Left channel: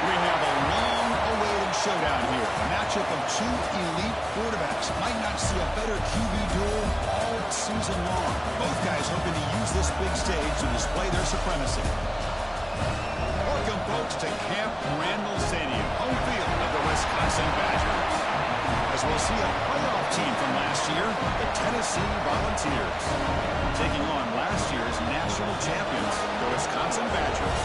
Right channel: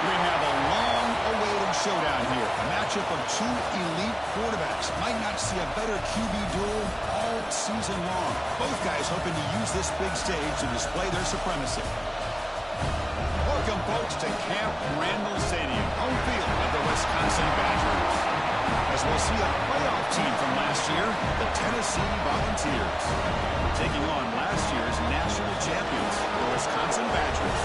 We have a long-awaited showdown here. A matchup of two elite quarterbacks. Might not see a better QB duel all season long. Both guys hoping to use this big stage to display their supremacy. Welcome, folks, to Camp Randall Stadium, home field of the Wisconsin Badgers. As we'll see a playoff team from last year, the Tennessee Volunteers, taking on last year's national champions, the Wisconsin Badgers.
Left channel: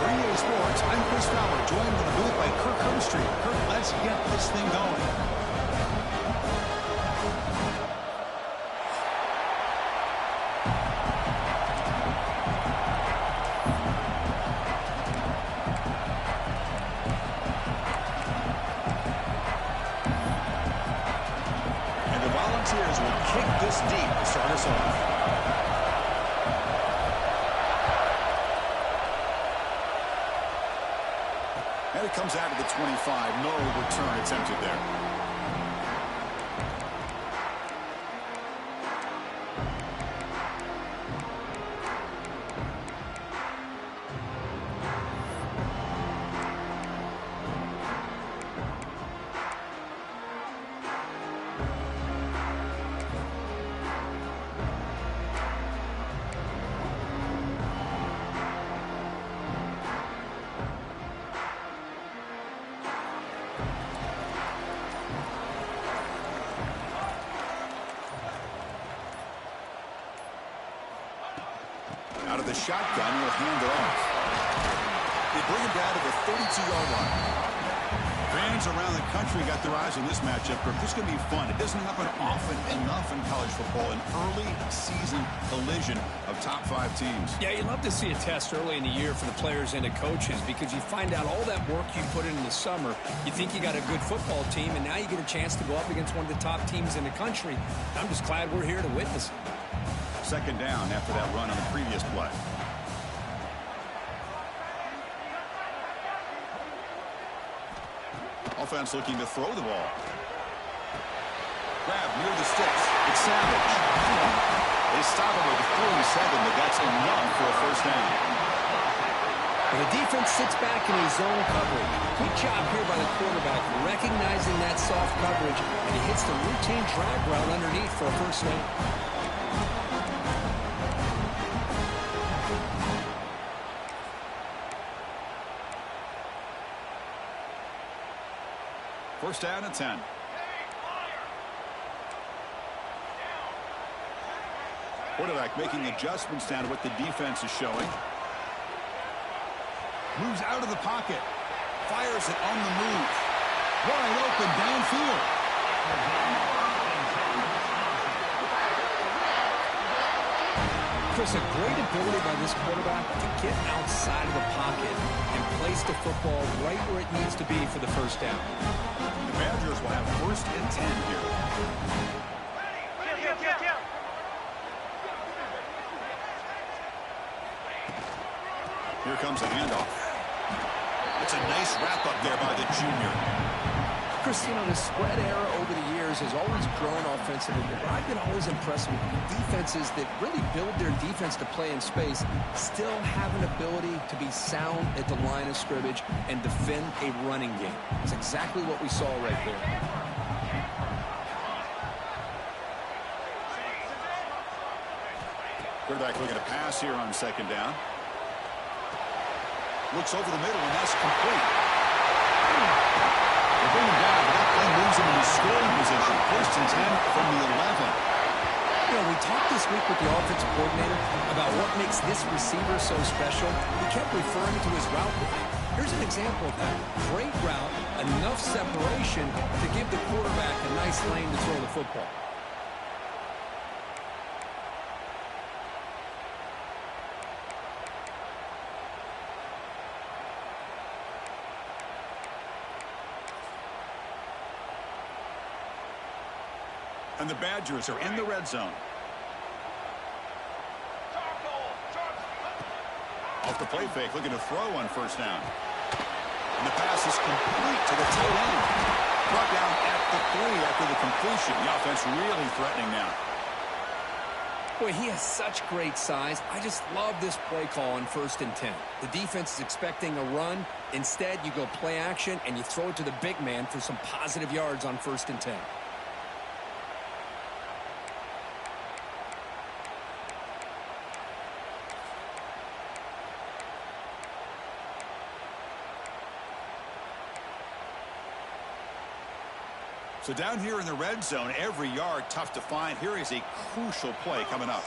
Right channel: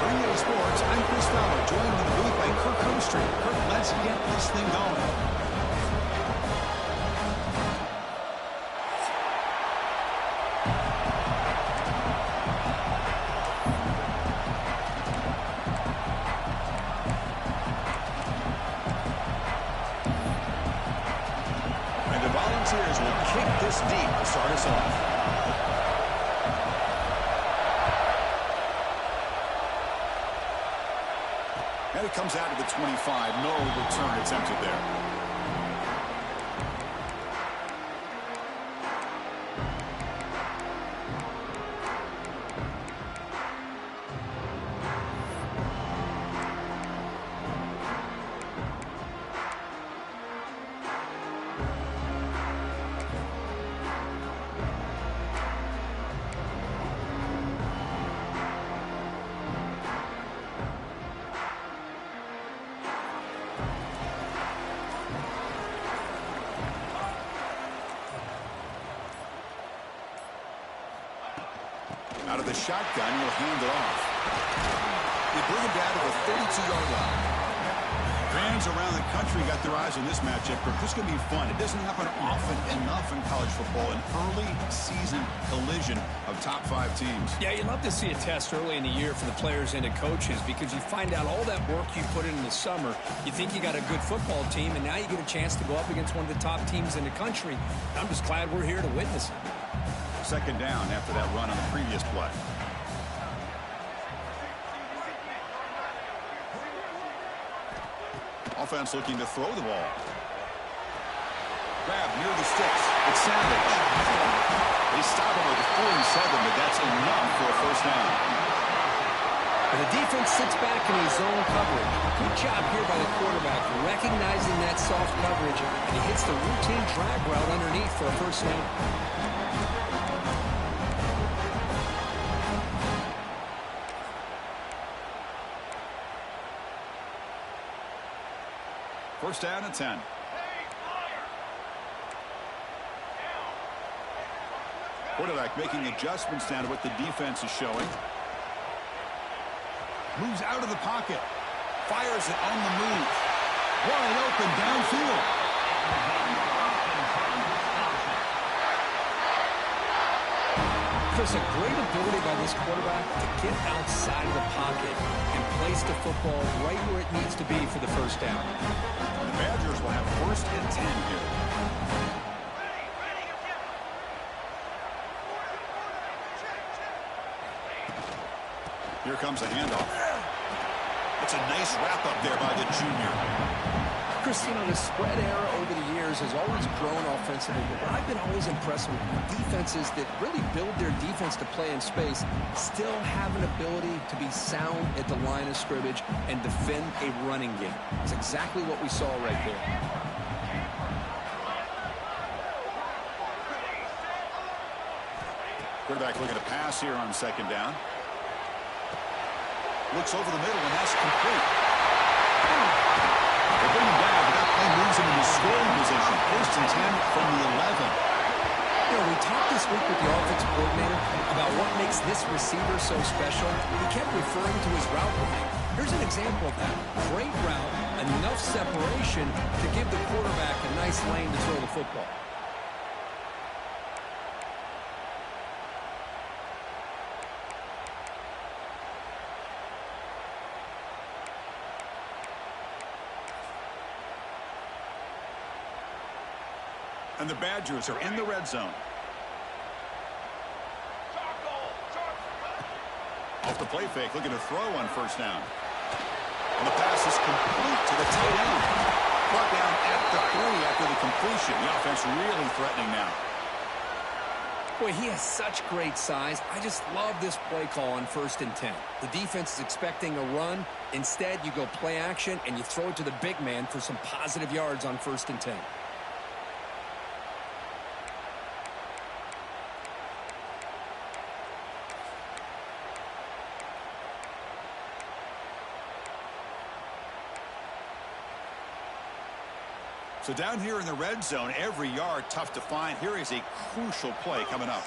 For EA Sports, I'm Chris Fowler, joined in the booth by Kirk Hermstreet. Kirk, let's get this thing going. And the Volunteers will kick this deep to start us off. And it comes out of the 25. No return attempted there. Out of the shotgun, he'll hand it off. They bring him down to the 32-yard line. Fans around the country got their eyes on this matchup. This is going to be fun. It doesn't happen often enough in college football. An early season collision of top 5 teams. Yeah, you love to see a test early in the year for the players and the coaches because you find out all that work you put in the summer. You think you got a good football team, and now you get a chance to go up against one of the top teams in the country. I'm just glad we're here to witness it. Second down after that run on the previous play. Offense looking to throw the ball. Grab near the sticks. It's Savage. They stop him at the 47, but that's enough for a first down. And the defense sits back in his zone coverage. Good job here by the quarterback, recognizing that soft coverage, and he hits the routine drag route underneath for a first down. First down and 10. Quarterback making adjustments down to what the defense is showing. Moves out of the pocket. Fires it on the move. Wide open downfield. Chris, a great ability by this quarterback to get outside of the pocket and place the football right where it needs to be for the first down. The Badgers will have first and 10 here. Here comes a handoff. It's a nice wrap-up there by the junior. Chris, you know, the spread era over the years has always grown offensively, but I've been always impressed with defenses that really build their defense to play in space, still have an ability to be sound at the line of scrimmage and defend a running game. That's exactly what we saw right there. Quarterback looking to pass here on second down. Looks over the middle, and that's complete. They bring him down, but that play moves him into scoring position. First and 10 from the 11. You know, we talked this week with the offensive coordinator about what makes this receiver so special. He kept referring to his route running. Here's an example of that. Great route, enough separation to give the quarterback a nice lane to throw the football. And the Badgers are in the red zone. Off the play fake, looking to throw on first down. And the pass is complete to the tight end. Brought down at the 3 after the completion. The offense really threatening now. Boy, he has such great size. I just love this play call on 1st and 10. The defense is expecting a run. Instead, you go play action, and you throw it to the big man for some positive yards on 1st and 10. So down here in the red zone, every yard tough to find. Here is a crucial play coming up.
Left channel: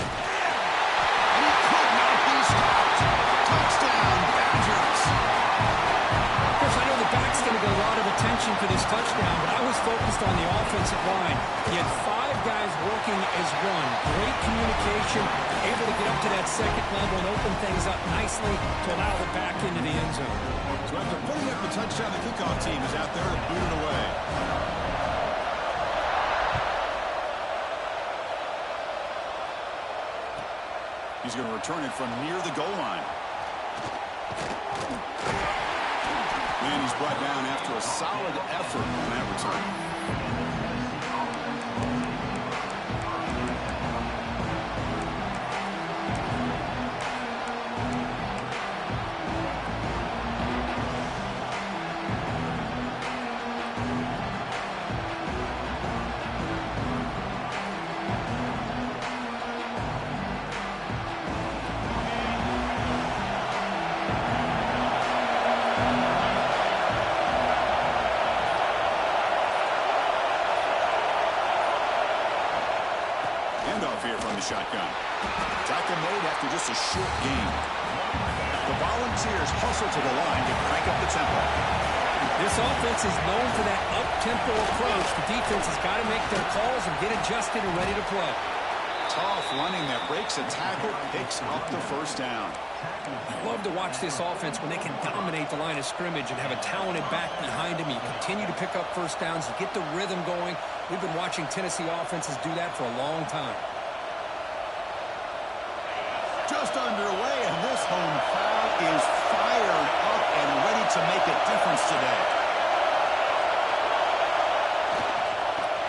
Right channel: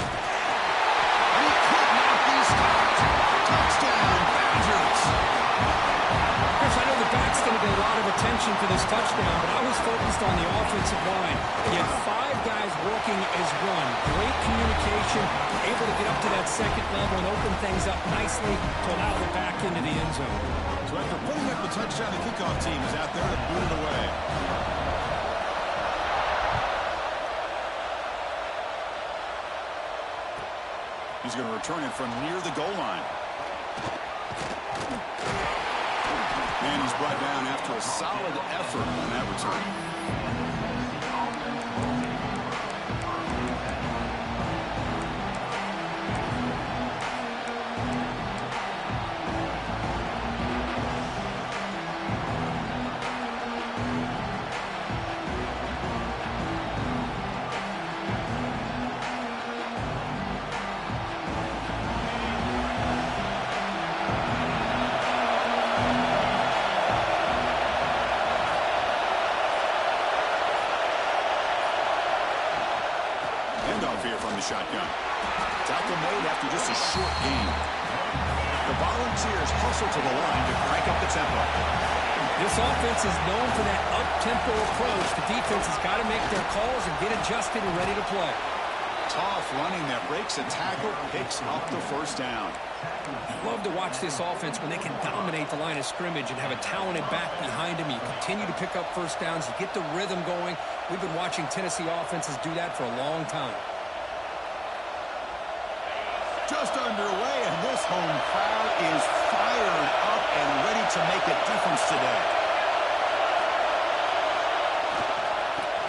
And he could not be stopped. Touchdown, Badgers. Chris, I know the back's going to get a lot of attention for this touchdown, but I was focused on the offensive line. He had 5 guys working as one. Great communication, able to get up to that second level and open things up nicely to allow the back into the end zone. So after putting up a touchdown, the kickoff team is out there to boot it away. He's going to return it from near the goal line. And he's brought down after a solid effort on that return. Handoff here from the shotgun. Tackle made after just a short gain. The Volunteers hustle to the line to crank up the tempo. This offense is known for that up-tempo approach. The defense has got to make their calls and get adjusted and ready to play. Tough running that breaks a tackle, picks up the first down. I love to watch this offense when they can dominate the line of scrimmage and have a talented back behind him. You continue to pick up first downs. You get the rhythm going. We've been watching Tennessee offenses do that for a long time. Just underway, and this home crowd is fired up and ready to make a difference today.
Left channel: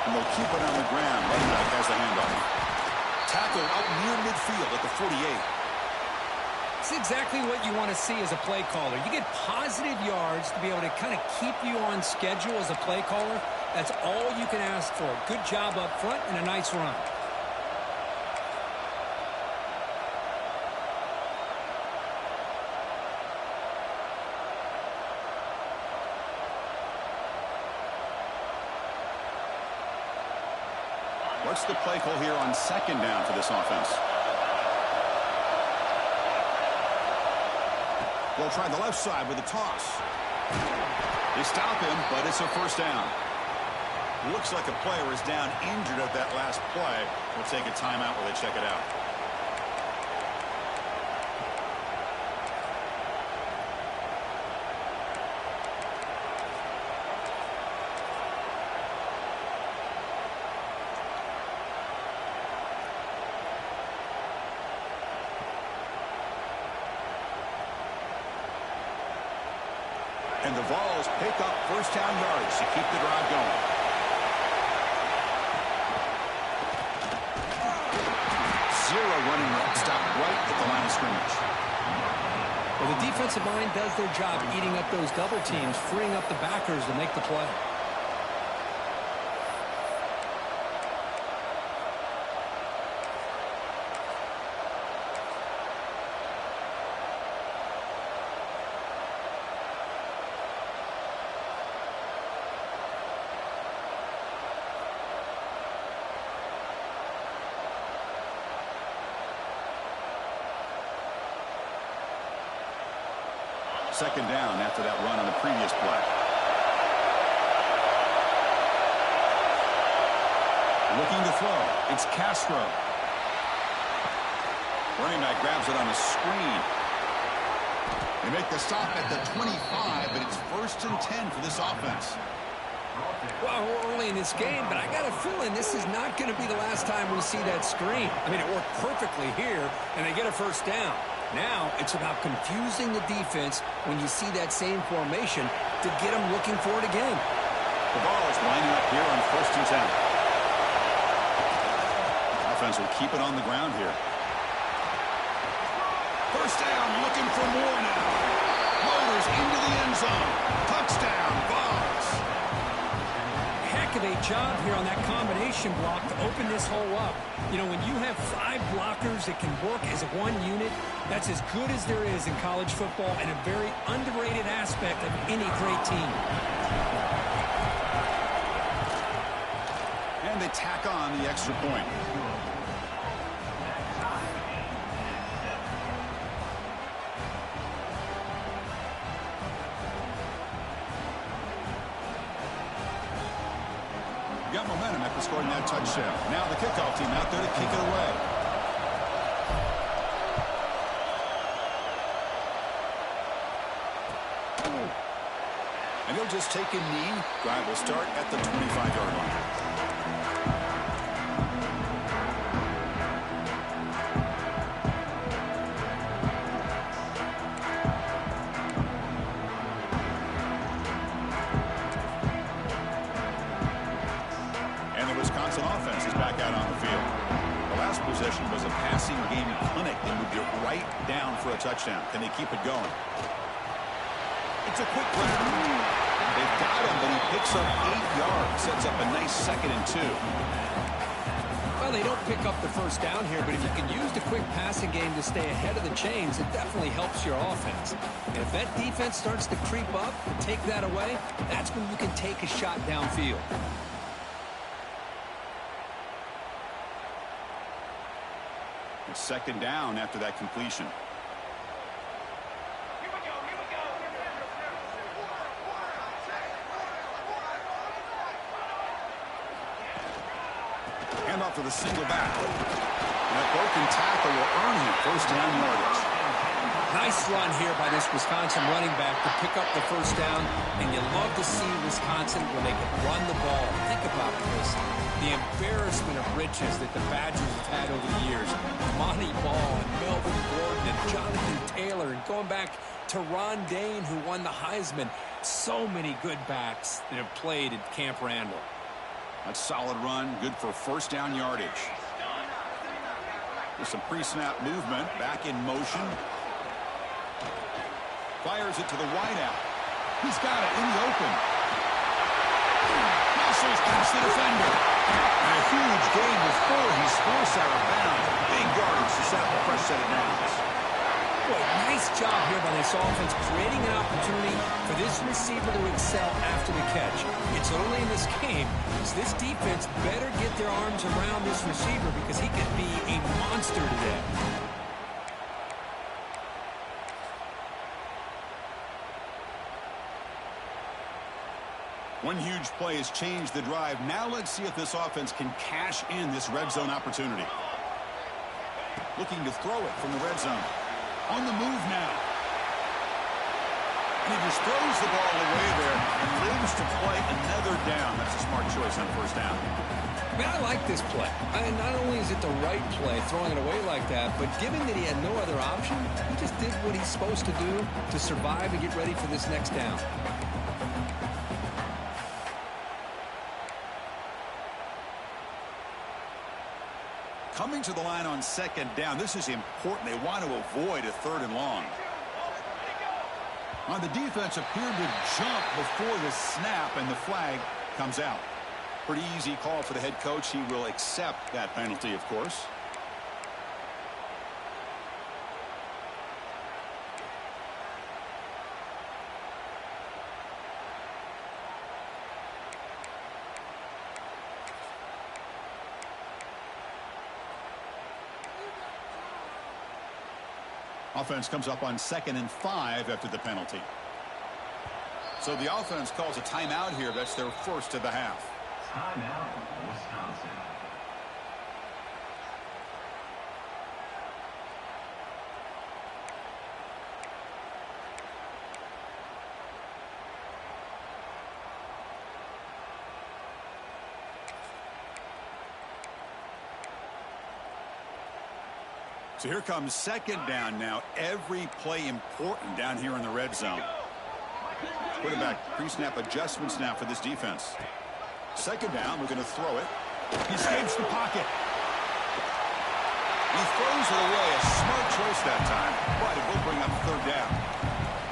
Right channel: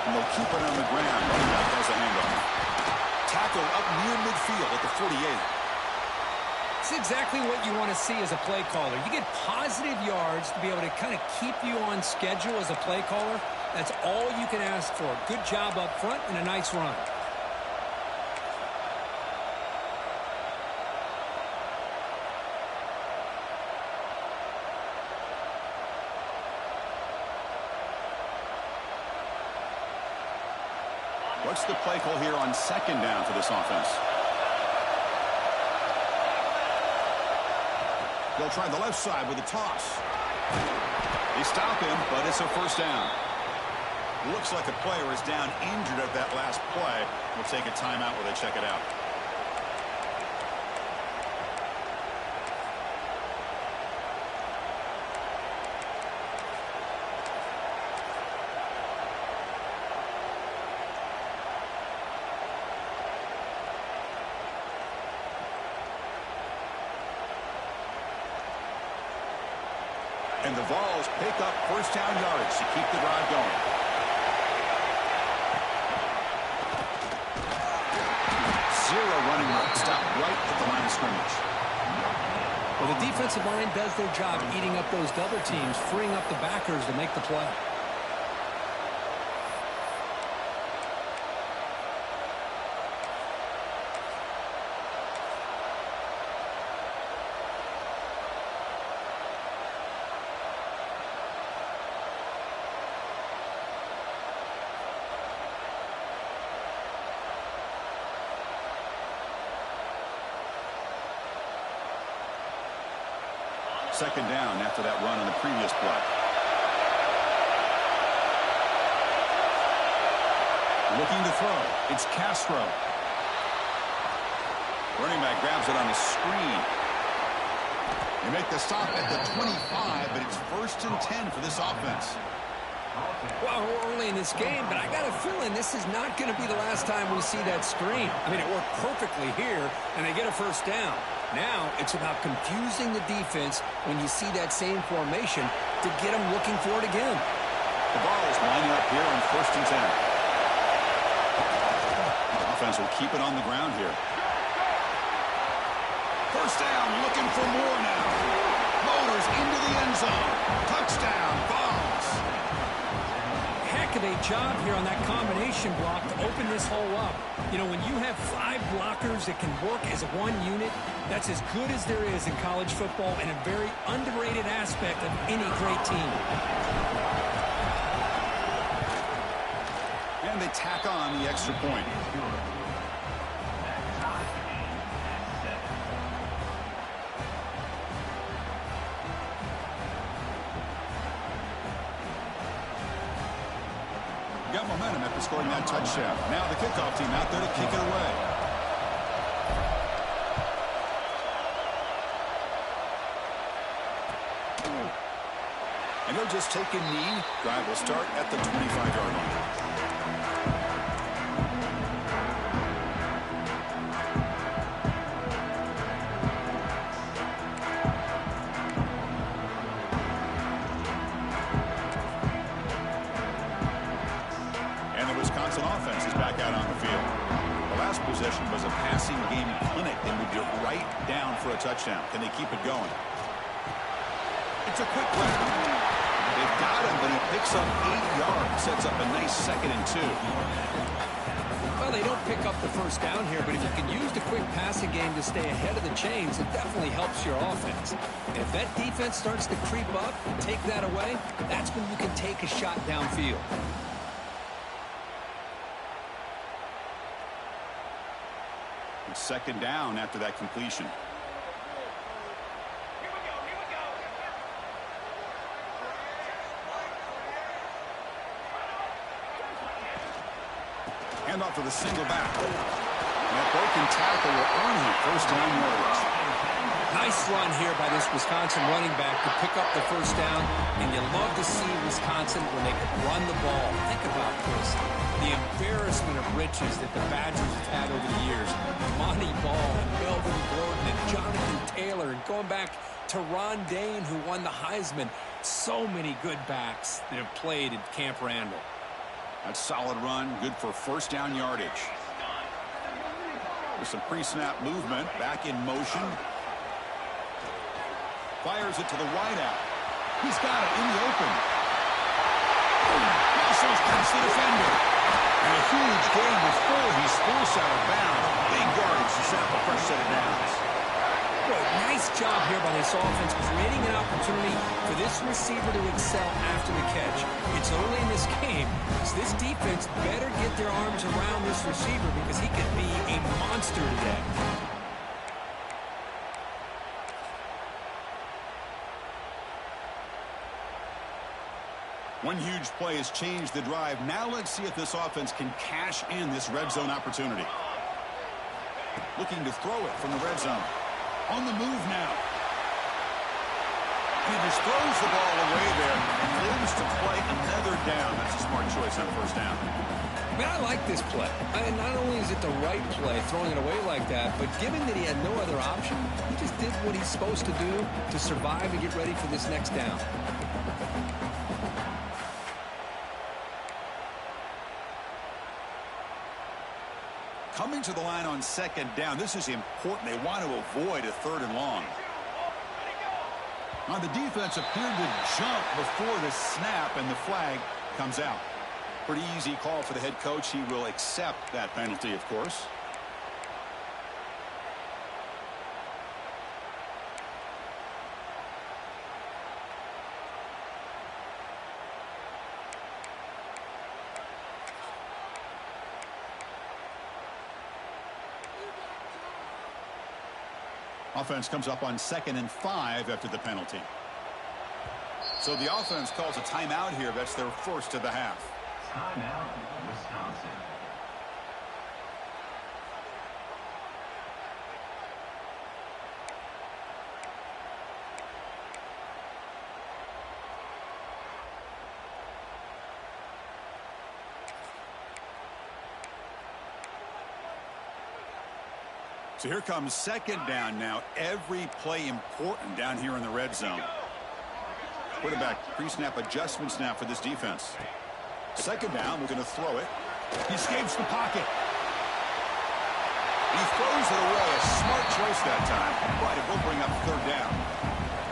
And they'll keep it on the ground. Running back has the handoff. Tackle up near midfield at the 48. It's exactly what you want to see as a play caller. You get positive yards to be able to kind of keep you on schedule as a play caller. That's all you can ask for. Good job up front and a nice run. What's the play call here on second down for this offense? They'll try the left side with a toss. They stop him, but it's a first down. Looks like a player is down injured at that last play. We'll take a timeout while they check it out. And the Vols pick up first down yards to keep the drive going. Zero running room. Stop right at the line of scrimmage. Well, the defensive line does their job eating up those double teams, freeing up the backers to make the play. Second down after that run on the previous play. Looking to throw. It's Castro. Running back grabs it on a screen. They make the stop at the 25, but it's 1st and 10 for this offense. Well, we're early in this game, but I got a feeling this is not going to be the last time we see that screen. I mean, it worked perfectly here, and they get a first down. Now it's about confusing the defense when you see that same formation to get them looking for it again. The ball is lining up here on 1st and 10. Offense will keep it on the ground here. First down, looking for more now. Motors into the end zone. Touchdown, Vols. Heck of a job here on that combination block to open this hole up. You know, when you have 5 blockers that can work as one unit, that's as good as there is in college football and a very underrated aspect of any great team. And they tack on the extra point. Got momentum after scoring that touchdown. Now the kickoff team out there to kick it away. And he'll just take a knee. Drive will start at the 25-yard line. Offense is back out on the field. The last possession was a passing game clinic. They moved it right down for a touchdown. Can they keep it going? It's a quick grab. They've got him, but he picks up 8 yards. Sets up a nice 2nd and 2. Well, they don't pick up the first down here, but if you can use the quick passing game to stay ahead of the chains, it definitely helps your offense. And if that defense starts to creep up and take that away, that's when you can take a shot downfield. Second down after that completion. Hand off to the single back. And that broken tackle will earn him 1st down yardage. Nice run here by this Wisconsin running back to pick up the 1st down. And you love to see Wisconsin when they can run the ball. Think about this. The embarrassment of riches that the Badgers have had over the years. Monty Ball and Melvin Gordon and Jonathan Taylor. And going back to Ron Dane, who won the Heisman. So many good backs that have played at Camp Randall. That's a solid run. Good for 1st down yardage. There's some pre-snap movement. Back in motion. Fires it to the wideout. He's got it in the open. Muscles past the defender. And a huge gain before he's forced out of bounds. Big yardage to set up a fresh set of downs. Boy, nice job here by this offense, creating an opportunity for this receiver to excel after the catch. It's early in this game, so this defense better get their arms around this receiver because he could be a monster today. One huge play has changed the drive. Now let's see if this offense can cash in this red zone opportunity. Looking to throw it from the red zone. On the move now. And he just throws the ball away there and lives to play another down. That's a smart choice on 1st down. Man, I like this play. And not only is it the right play, throwing it away like that, but given that he had no other option, he just did what he's supposed to do to survive and get ready for this next down. Coming to the line on 2nd down. This is important. They want to avoid a 3rd and long. The defense appeared to jump before the snap, and the flag comes out. Pretty easy call for the head coach. He will accept that penalty, of course. Offense comes up on 2nd and 5 after the penalty. So the offense calls a timeout here. That's their 1st of the half. Timeout, Wisconsin. So here comes 2nd down now. Every play important down here in the red zone. Quarterback pre-snap adjustments now for this defense. Second down, we're going to throw it. He escapes the pocket. He throws it away. A smart choice that time, but it will bring up third down.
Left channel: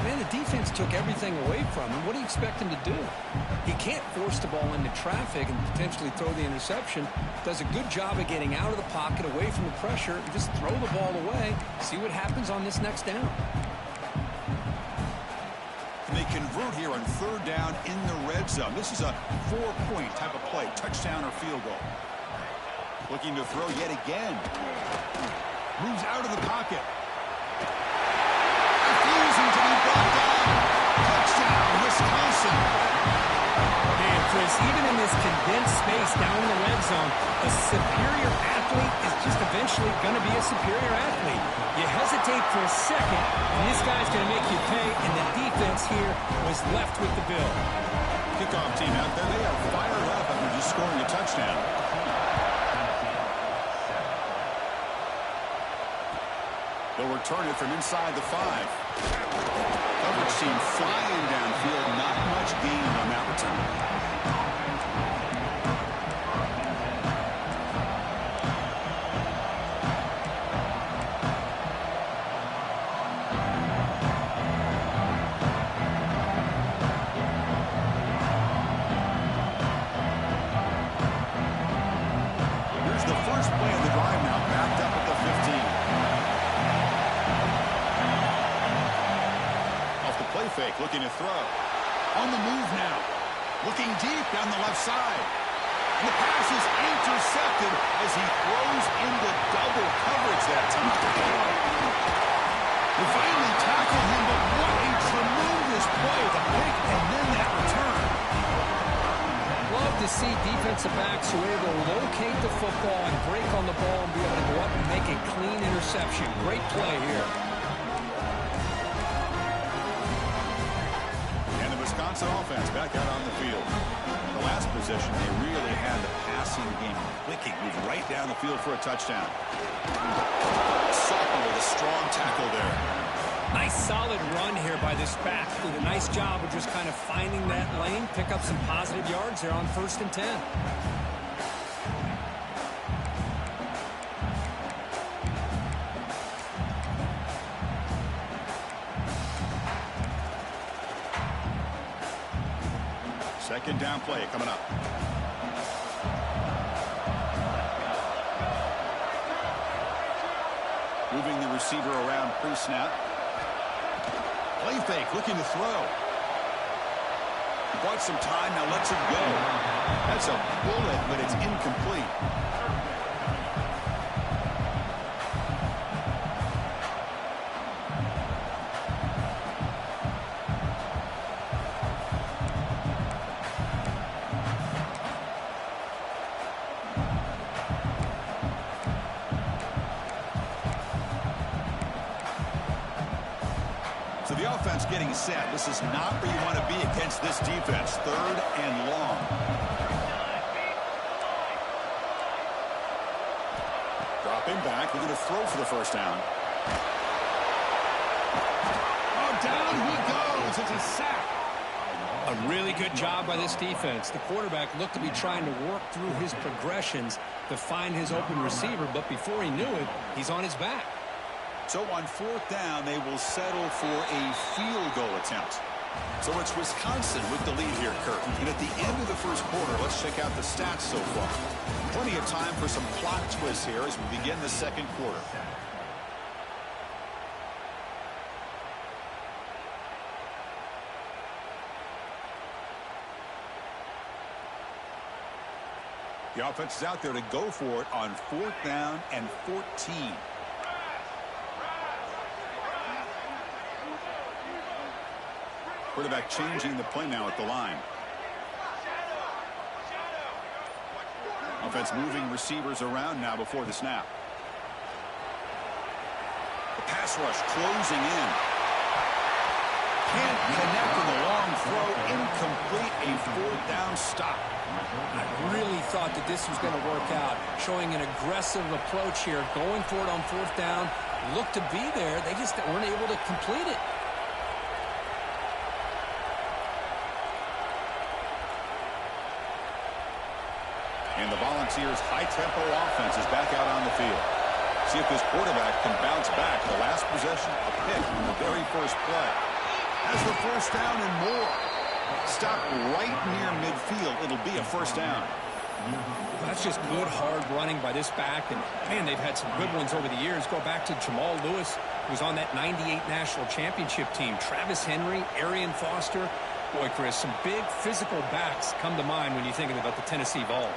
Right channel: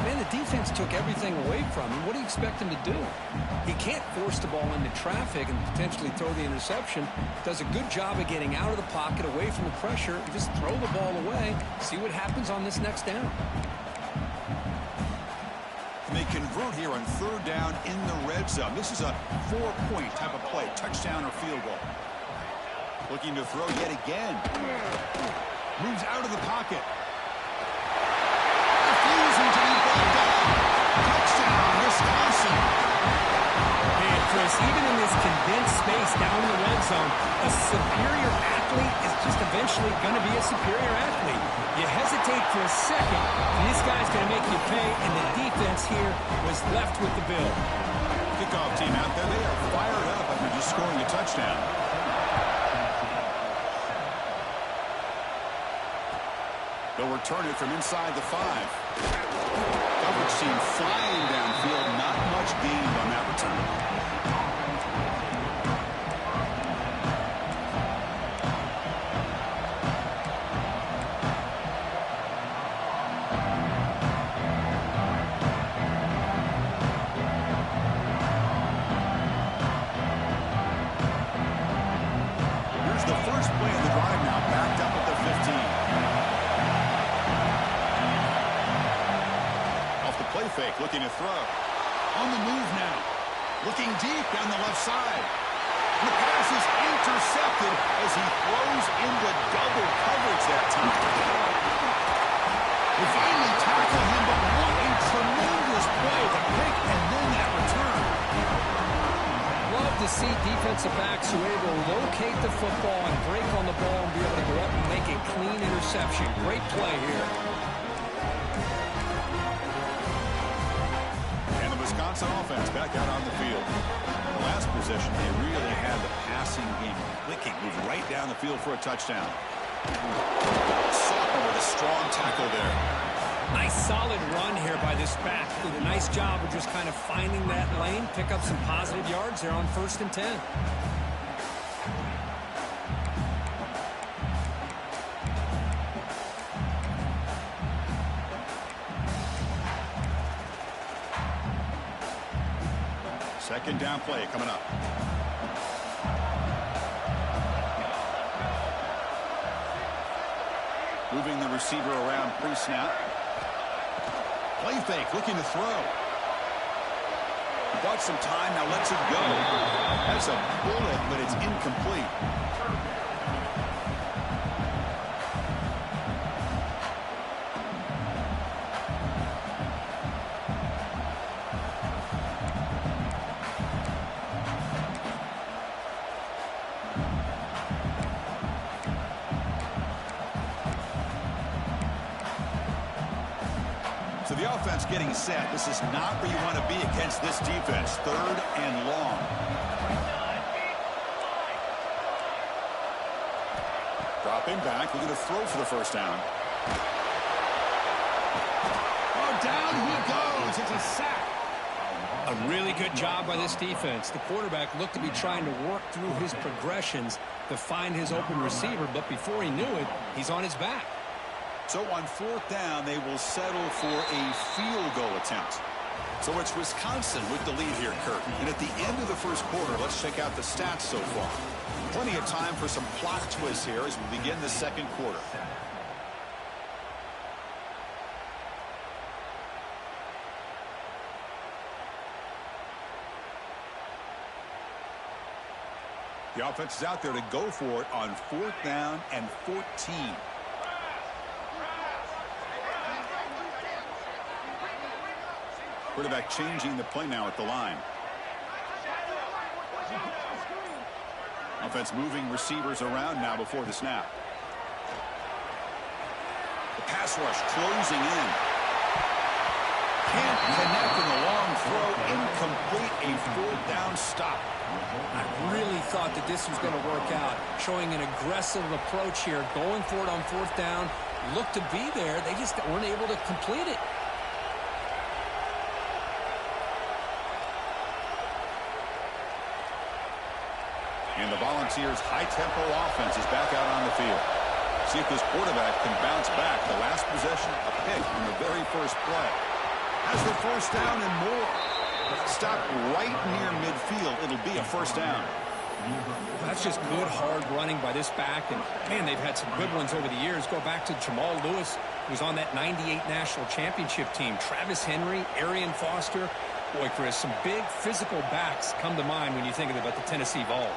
Man, the defense took everything away from him. What do you expect him to do? He can't force the ball into traffic and potentially throw the interception. Does a good job of getting out of the pocket, away from the pressure, and just throw the ball away. See what happens on this next down. And they convert here on third down in the red zone. This is a 4-point type of play, touchdown or field goal. Looking to throw yet again. Moves out of the pocket. Refusing to be brought down. Touchdown, Wisconsin. Man, Chris, even in this condensed space down in the red zone, a superior athlete is just eventually going to be a superior athlete. You hesitate for a second, and this guy's going to make you pay, and the defense here was left with the bill. Kickoff team out there, they are fired up after just scoring a touchdown. They'll return it from inside the 5. Coverage team flying downfield. Not much gained on that return. Here's the first play of the drive now, backed up at the 15. Play fake, looking to throw. On the move now. Looking deep down the left side. And the pass is intercepted as he throws into double coverage that time. They finally tackle him, but what a tremendous play. The pick and then that return. Love to see defensive backs who are able to locate the football and break on the ball and be able to go up and make a clean interception. Great play here. Wisconsin offense back out on the field. The last possession, they really had the passing game clicking. Moved right down the field for a touchdown. Sophomore with a strong tackle there. Nice solid run here by this back. Did a nice job of just kind of finding that lane, pick up some positive yards there on 1st and 10. Second down play coming up. Moving the receiver around pre-snap. Play fake, looking to throw. He bought some time, now lets it go. That's a bullet, but it's incomplete. So the offense getting set. This is not where you want to be against this defense. 3rd and long. Dropping back. We're going to throw for the first down. Oh, down he goes. It's a sack. A really good job by this defense. The quarterback looked to be trying to work through his progressions to find his open receiver, but before he knew it, he's on his back. So on 4th down, they will settle for a field goal attempt. So it's Wisconsin with the lead here, Kurt. And at the end of the first quarter, let's check out the stats so far. Plenty of time for some plot twists here as we begin the second quarter. The offense is out there to go for it on 4th down and 14. Quarterback changing the play now at the line. Offense moving receivers around now before the snap. The pass rush closing in. Can't connect in the long throw. Incomplete. A 4th down stop. I really thought that this was going to work out. Showing an aggressive approach here. Going for it on 4th down. Looked to be there. They just weren't able to complete it. And the Volunteers' high-tempo offense is back out on the field. See if this quarterback can bounce back. The last possession, a pick on the very first play. Has the first down and more. Stop right near midfield. It'll be a first down. That's just good, hard running by this back. And, man, they've had some good ones over the years. Go back to Jamal Lewis, who was on that '98 National Championship team. Travis Henry, Arian Foster. Boy, Chris, some big physical backs come to mind when you think about the Tennessee Vols.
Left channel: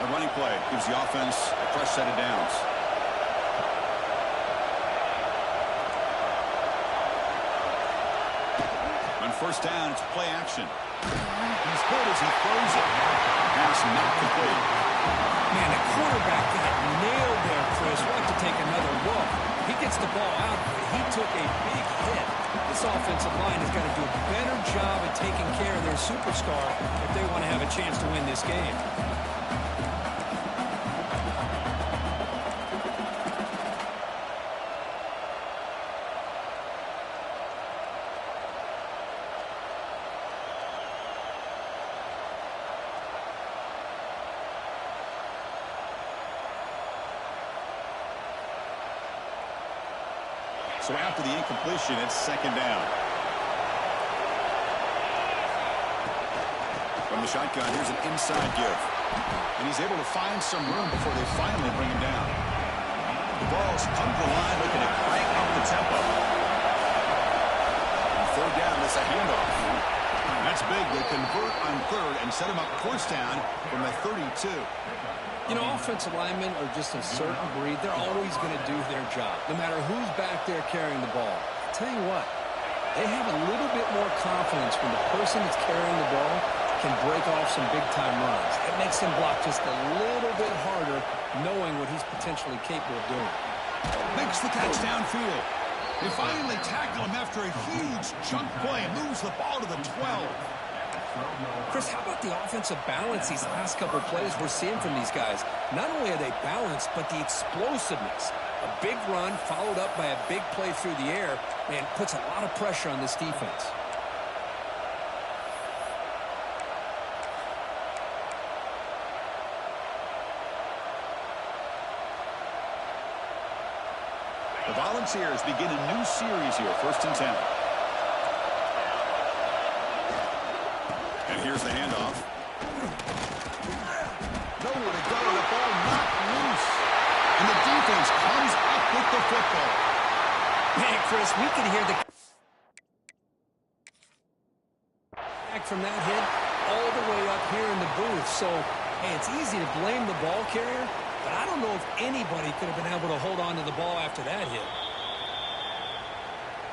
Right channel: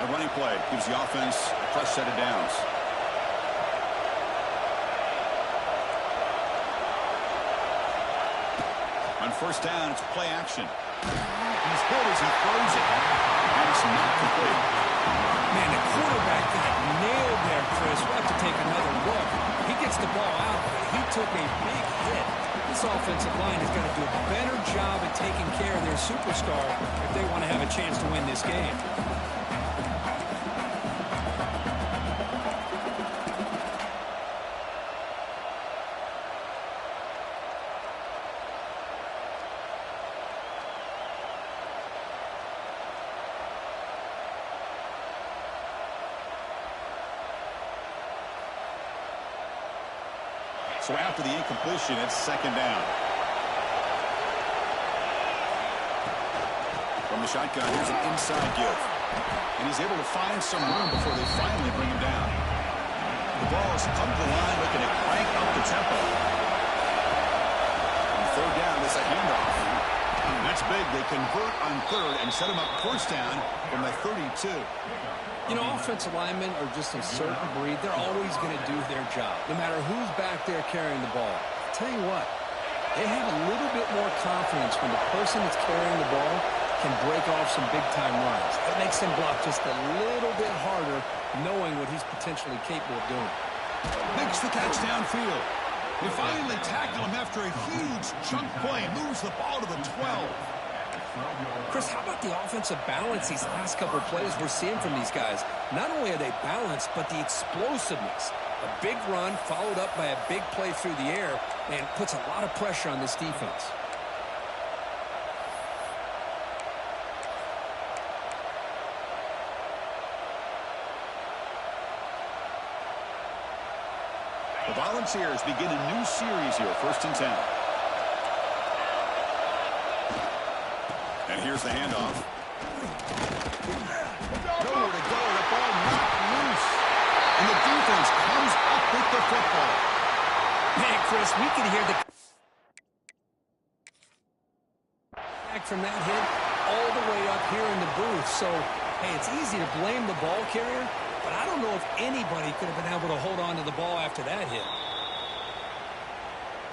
A running play gives the offense a fresh set of downs. On first down, it's play action. He's hit as he throws it. Pass not complete. Man, the quarterback got nailed there, Chris. We'll have to take another look. He gets the ball out, but he took a big hit. This offensive line has got to do a better job at taking care of their superstar if they want to have a chance to win this game. So after the incompletion, it's second down. From the shotgun, here's an inside give. And he's able to find some room before they finally bring him down. The Vols come to the line looking to crank up the tempo. On third down, it's a handoff. That's big. They convert on third and set him up first down from the 32. You know, offensive linemen are just a certain breed. They're always going to do their job, no matter who's back there carrying the ball. I'll tell you what, they have a little bit more confidence when the person that's carrying the ball can break off some big-time runs. That makes them block just a little bit harder, knowing what he's potentially capable of doing. Makes the catch downfield. They finally tackle him after a huge chunk play. Moves the ball to the 12. Chris, how about the offensive balance these last couple of plays we're seeing from these guys? Not only are they balanced, but the explosiveness. A big run followed up by a big play through the air and puts a lot of pressure on this defense. The Volunteers begin a new series here, 1st and 10. And here's the handoff. Nowhere to go. The ball knocked loose. And the defense comes up with the football. Man, Chris, we can hear the back from that hit all the way up here in the booth. So, hey, it's easy to blame the ball carrier, but I don't know if anybody could have been able to hold on to the ball after that hit.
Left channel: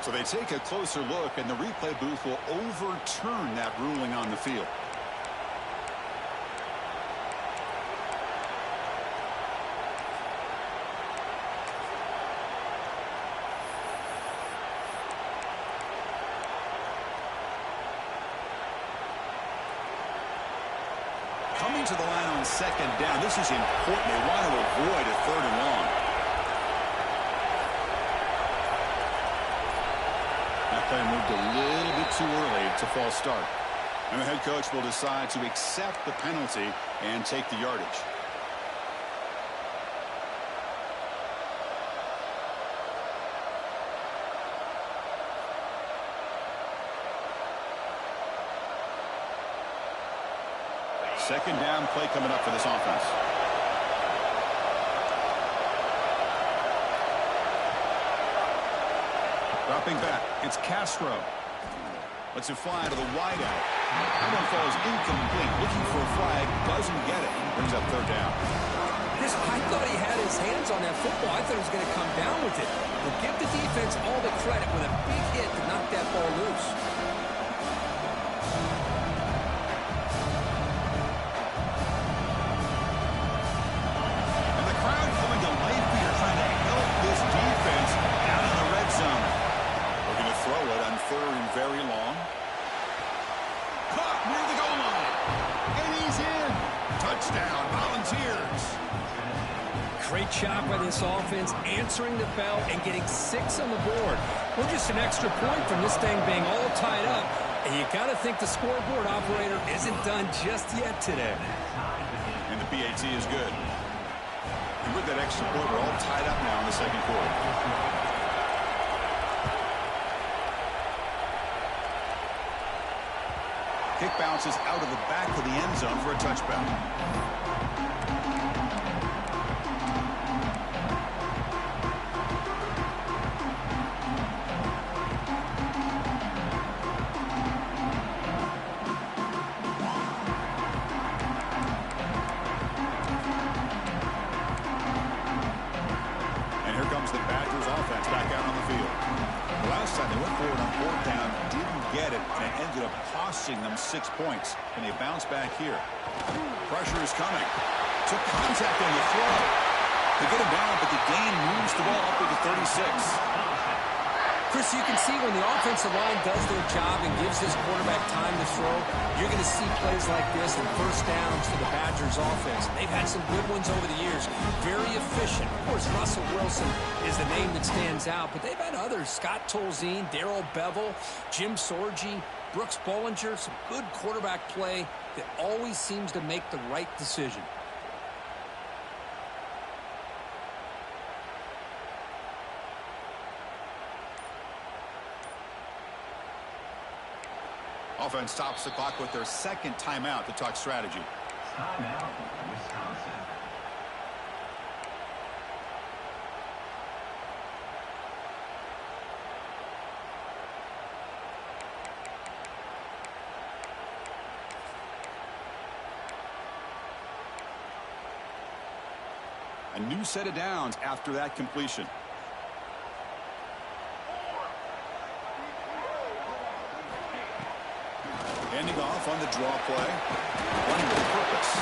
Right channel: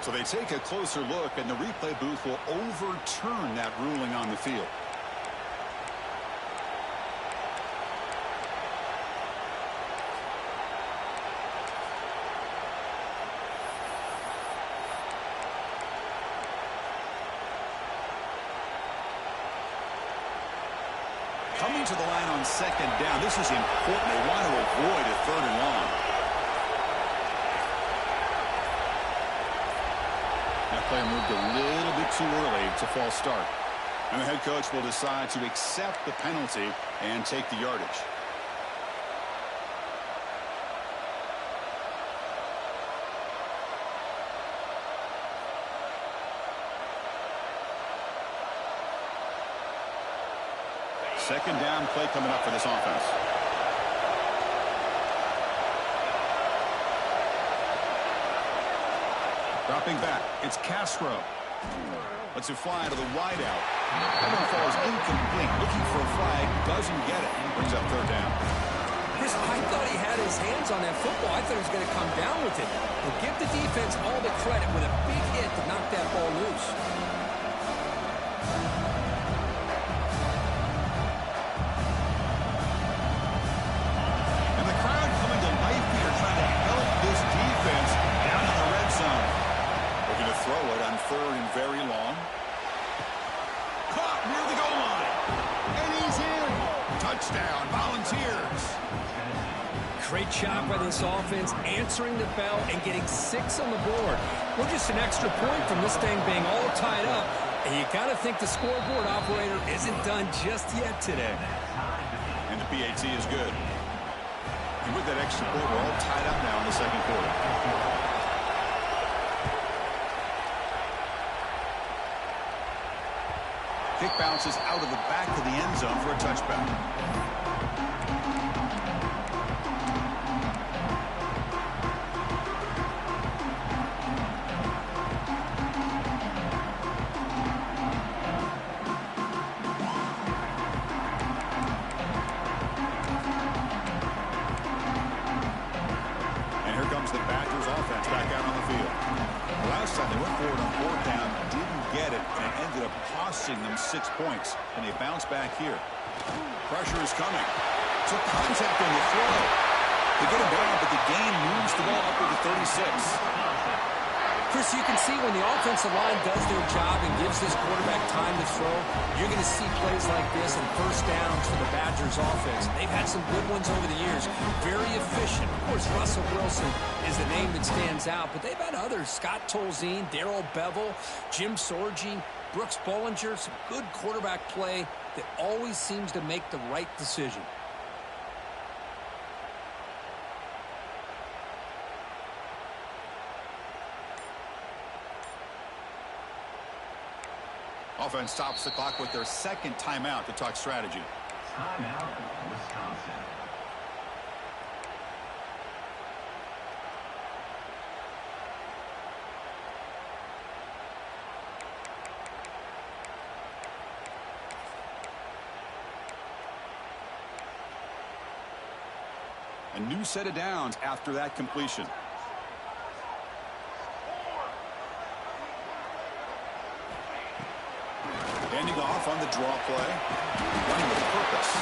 So they take a closer look, and the replay booth will overturn that ruling on the field. Coming to the line on second down, this is important. They want to avoid a 3rd and long. That player moved a little bit too early to false start. And the head coach will decide to accept the penalty and take the yardage. Second down play coming up for this offense. Dropping back, it's Castro. Lets it fly to the wideout. That one falls incomplete. Looking for a flag, doesn't get it. Brings up 3rd down. Chris, I thought he had his hands on that football. I thought he was going to come down with it. But give the defense all the credit with a big hit to knock that ball loose. And the crowd coming to life here, trying to help this defense down in the red zone. Looking to throw it on 3rd and very long. Caught near the goal line. And he's in. Touchdown, Volunteers. Great job by this offense, answering the bell and getting 6 on the board. We're just an extra point from this thing being all tied up. And you got to think the scoreboard operator isn't done just yet today. And the PAT is good. And with that extra point, we're all tied up now in the second quarter. Kick bounces out of the back of the end zone for a touchback. The Badgers offense back out on the field. The last time they went forward on fourth down, didn't get it, and it ended up costing them 6 points. And they bounce back here. Pressure is coming. Took contact on the throw. They get him down, but the gain moves the ball up to the 36. Chris, you can see when the offensive line does their job and gives this quarterback time to throw, you're going to see plays like this and first downs for the Badgers offense. They've had some good ones over the years. Very efficient. Of course, Russell Wilson is the name that stands out, but they've had others. Scott Tolzien, Darrell Bevel, Jim Sorgi, Brooks Bollinger. Some good quarterback play that always seems to make the right decision. Offense stops the clock with their second timeout to talk strategy. Timeout, Wisconsin. A new set of downs after that completion. Handing off on the draw play. Running with purpose.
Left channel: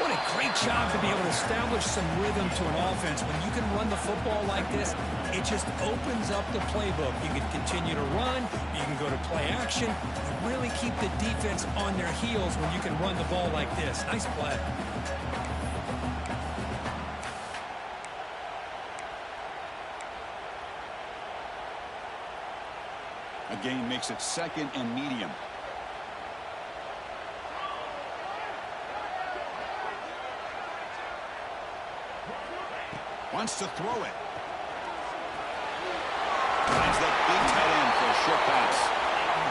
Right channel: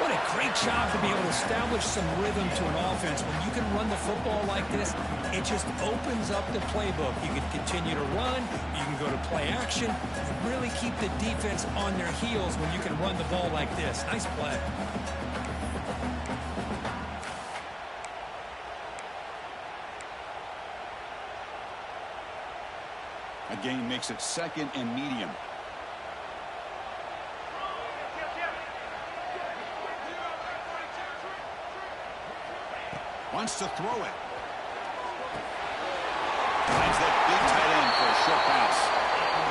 What a great job to be able to establish some rhythm to an offense. When you can run the football like this, it just opens up the playbook. You can continue to run. You can go to play action. You really keep the defense on their heels when you can run the ball like this. Nice play. A gain makes it second and medium. Wants to throw it. Finds that big tight end for a short pass.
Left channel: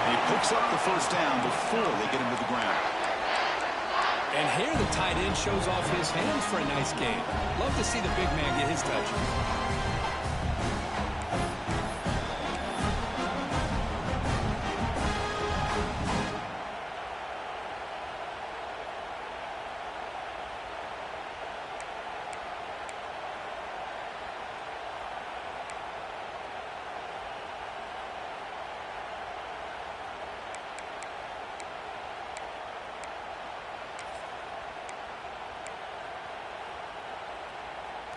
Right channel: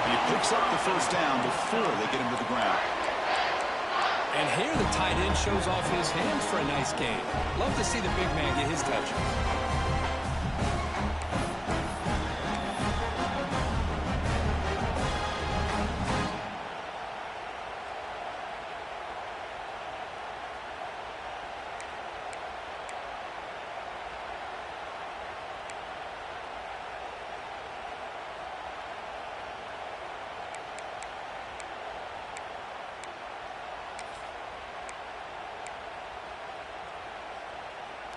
And he picks up the first down before they get him to the ground. And here the tight end shows off his hands for a nice gain. Love to see the big man get his touches.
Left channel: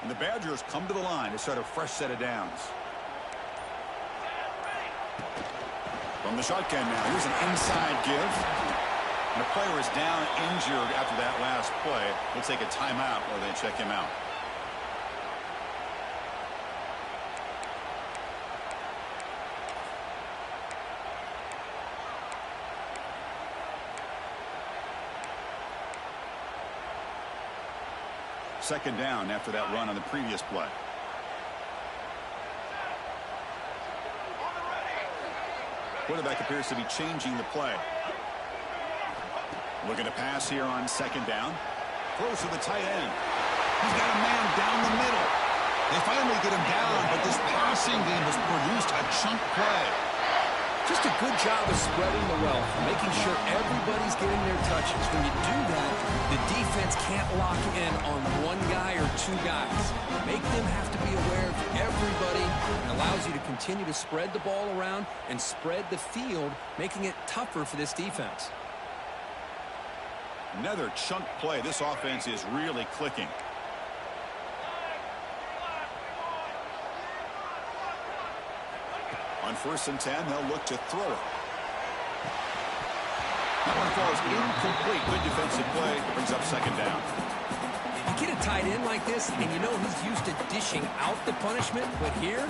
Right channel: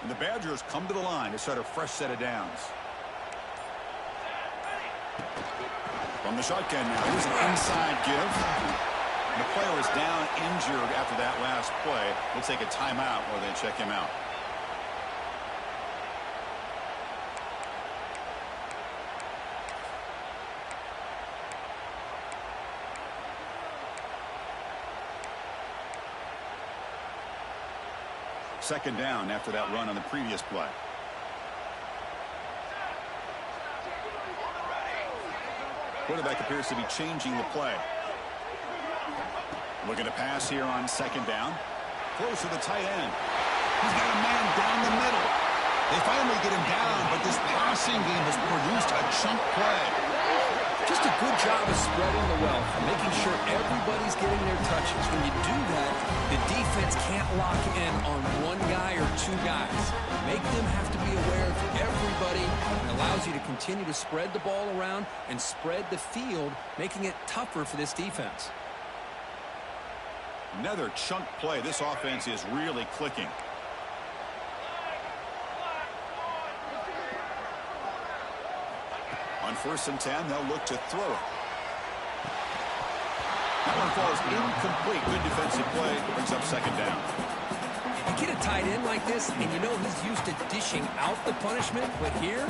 And the Badgers come to the line to start a fresh set of downs. From the shotgun now, here's an inside give. And the player is down injured after that last play. We'll take a timeout while they check him out. Second down after that run on the previous play. Quarterback appears to be changing the play. Looking to pass here on second down. Throws to the tight end. He's got a man down the middle. They finally get him down, but this passing game has produced a chunk play. Just a good job of spreading the wealth, making sure everybody's getting their touches. When you do that, the defense can't lock in on one guy or two guys. Make them have to be aware of everybody. It allows you to continue to spread the ball around and spread the field, making it tougher for this defense. Another chunk play. This offense is really clicking. On 1st and 10, they'll look to throw it. That one falls incomplete. Good defensive play. Brings up second down. You get a tight end like this, and you know he's used to dishing out the punishment, but here,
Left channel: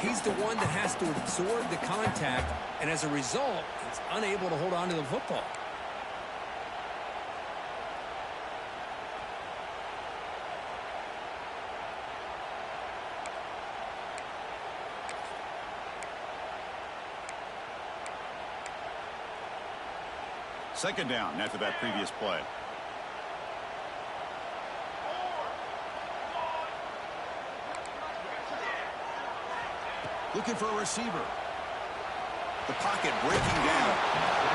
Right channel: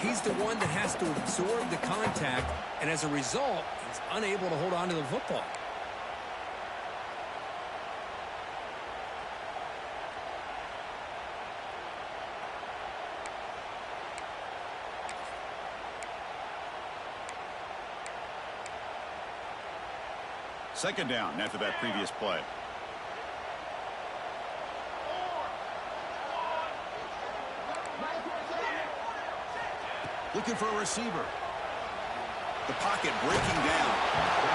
he's the one that has to absorb the contact, and as a result, he's unable to hold on to the football. Second down after that previous play. Looking for a receiver. The pocket breaking down.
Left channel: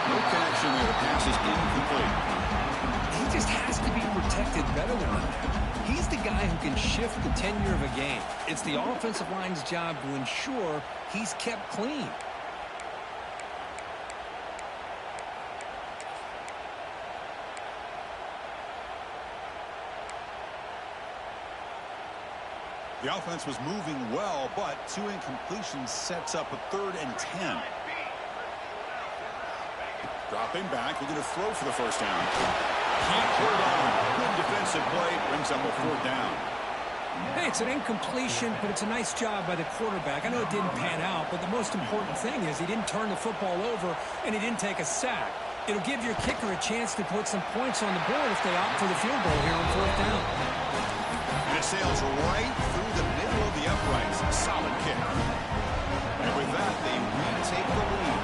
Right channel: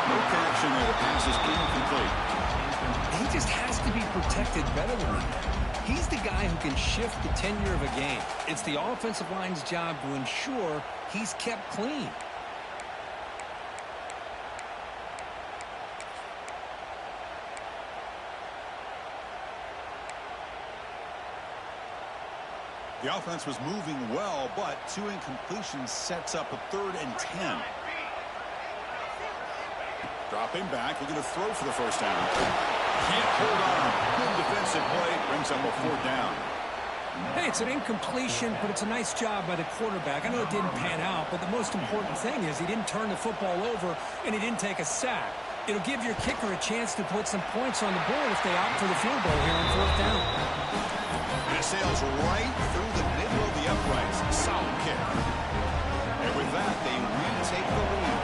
No connection there. The pass is incomplete. He just has to be protected better than that. He's the guy who can shift the tenure of a game. It's the offensive line's job to ensure he's kept clean. The offense was moving well, but 2 incompletions sets up a 3rd and 10. Dropping back, looking to throw for the first down. Can't hold on. Good defensive play, brings up a 4th down. Hey, it's an incompletion, but it's a nice job by the quarterback. I know it didn't pan out, but the most important thing is he didn't turn the football over and he didn't take a sack. It'll give your kicker a chance to put some points on the board if they opt for the field goal here on 4th down. And it sails right through the middle of the uprights. Solid kick. And with that, they retake the lead.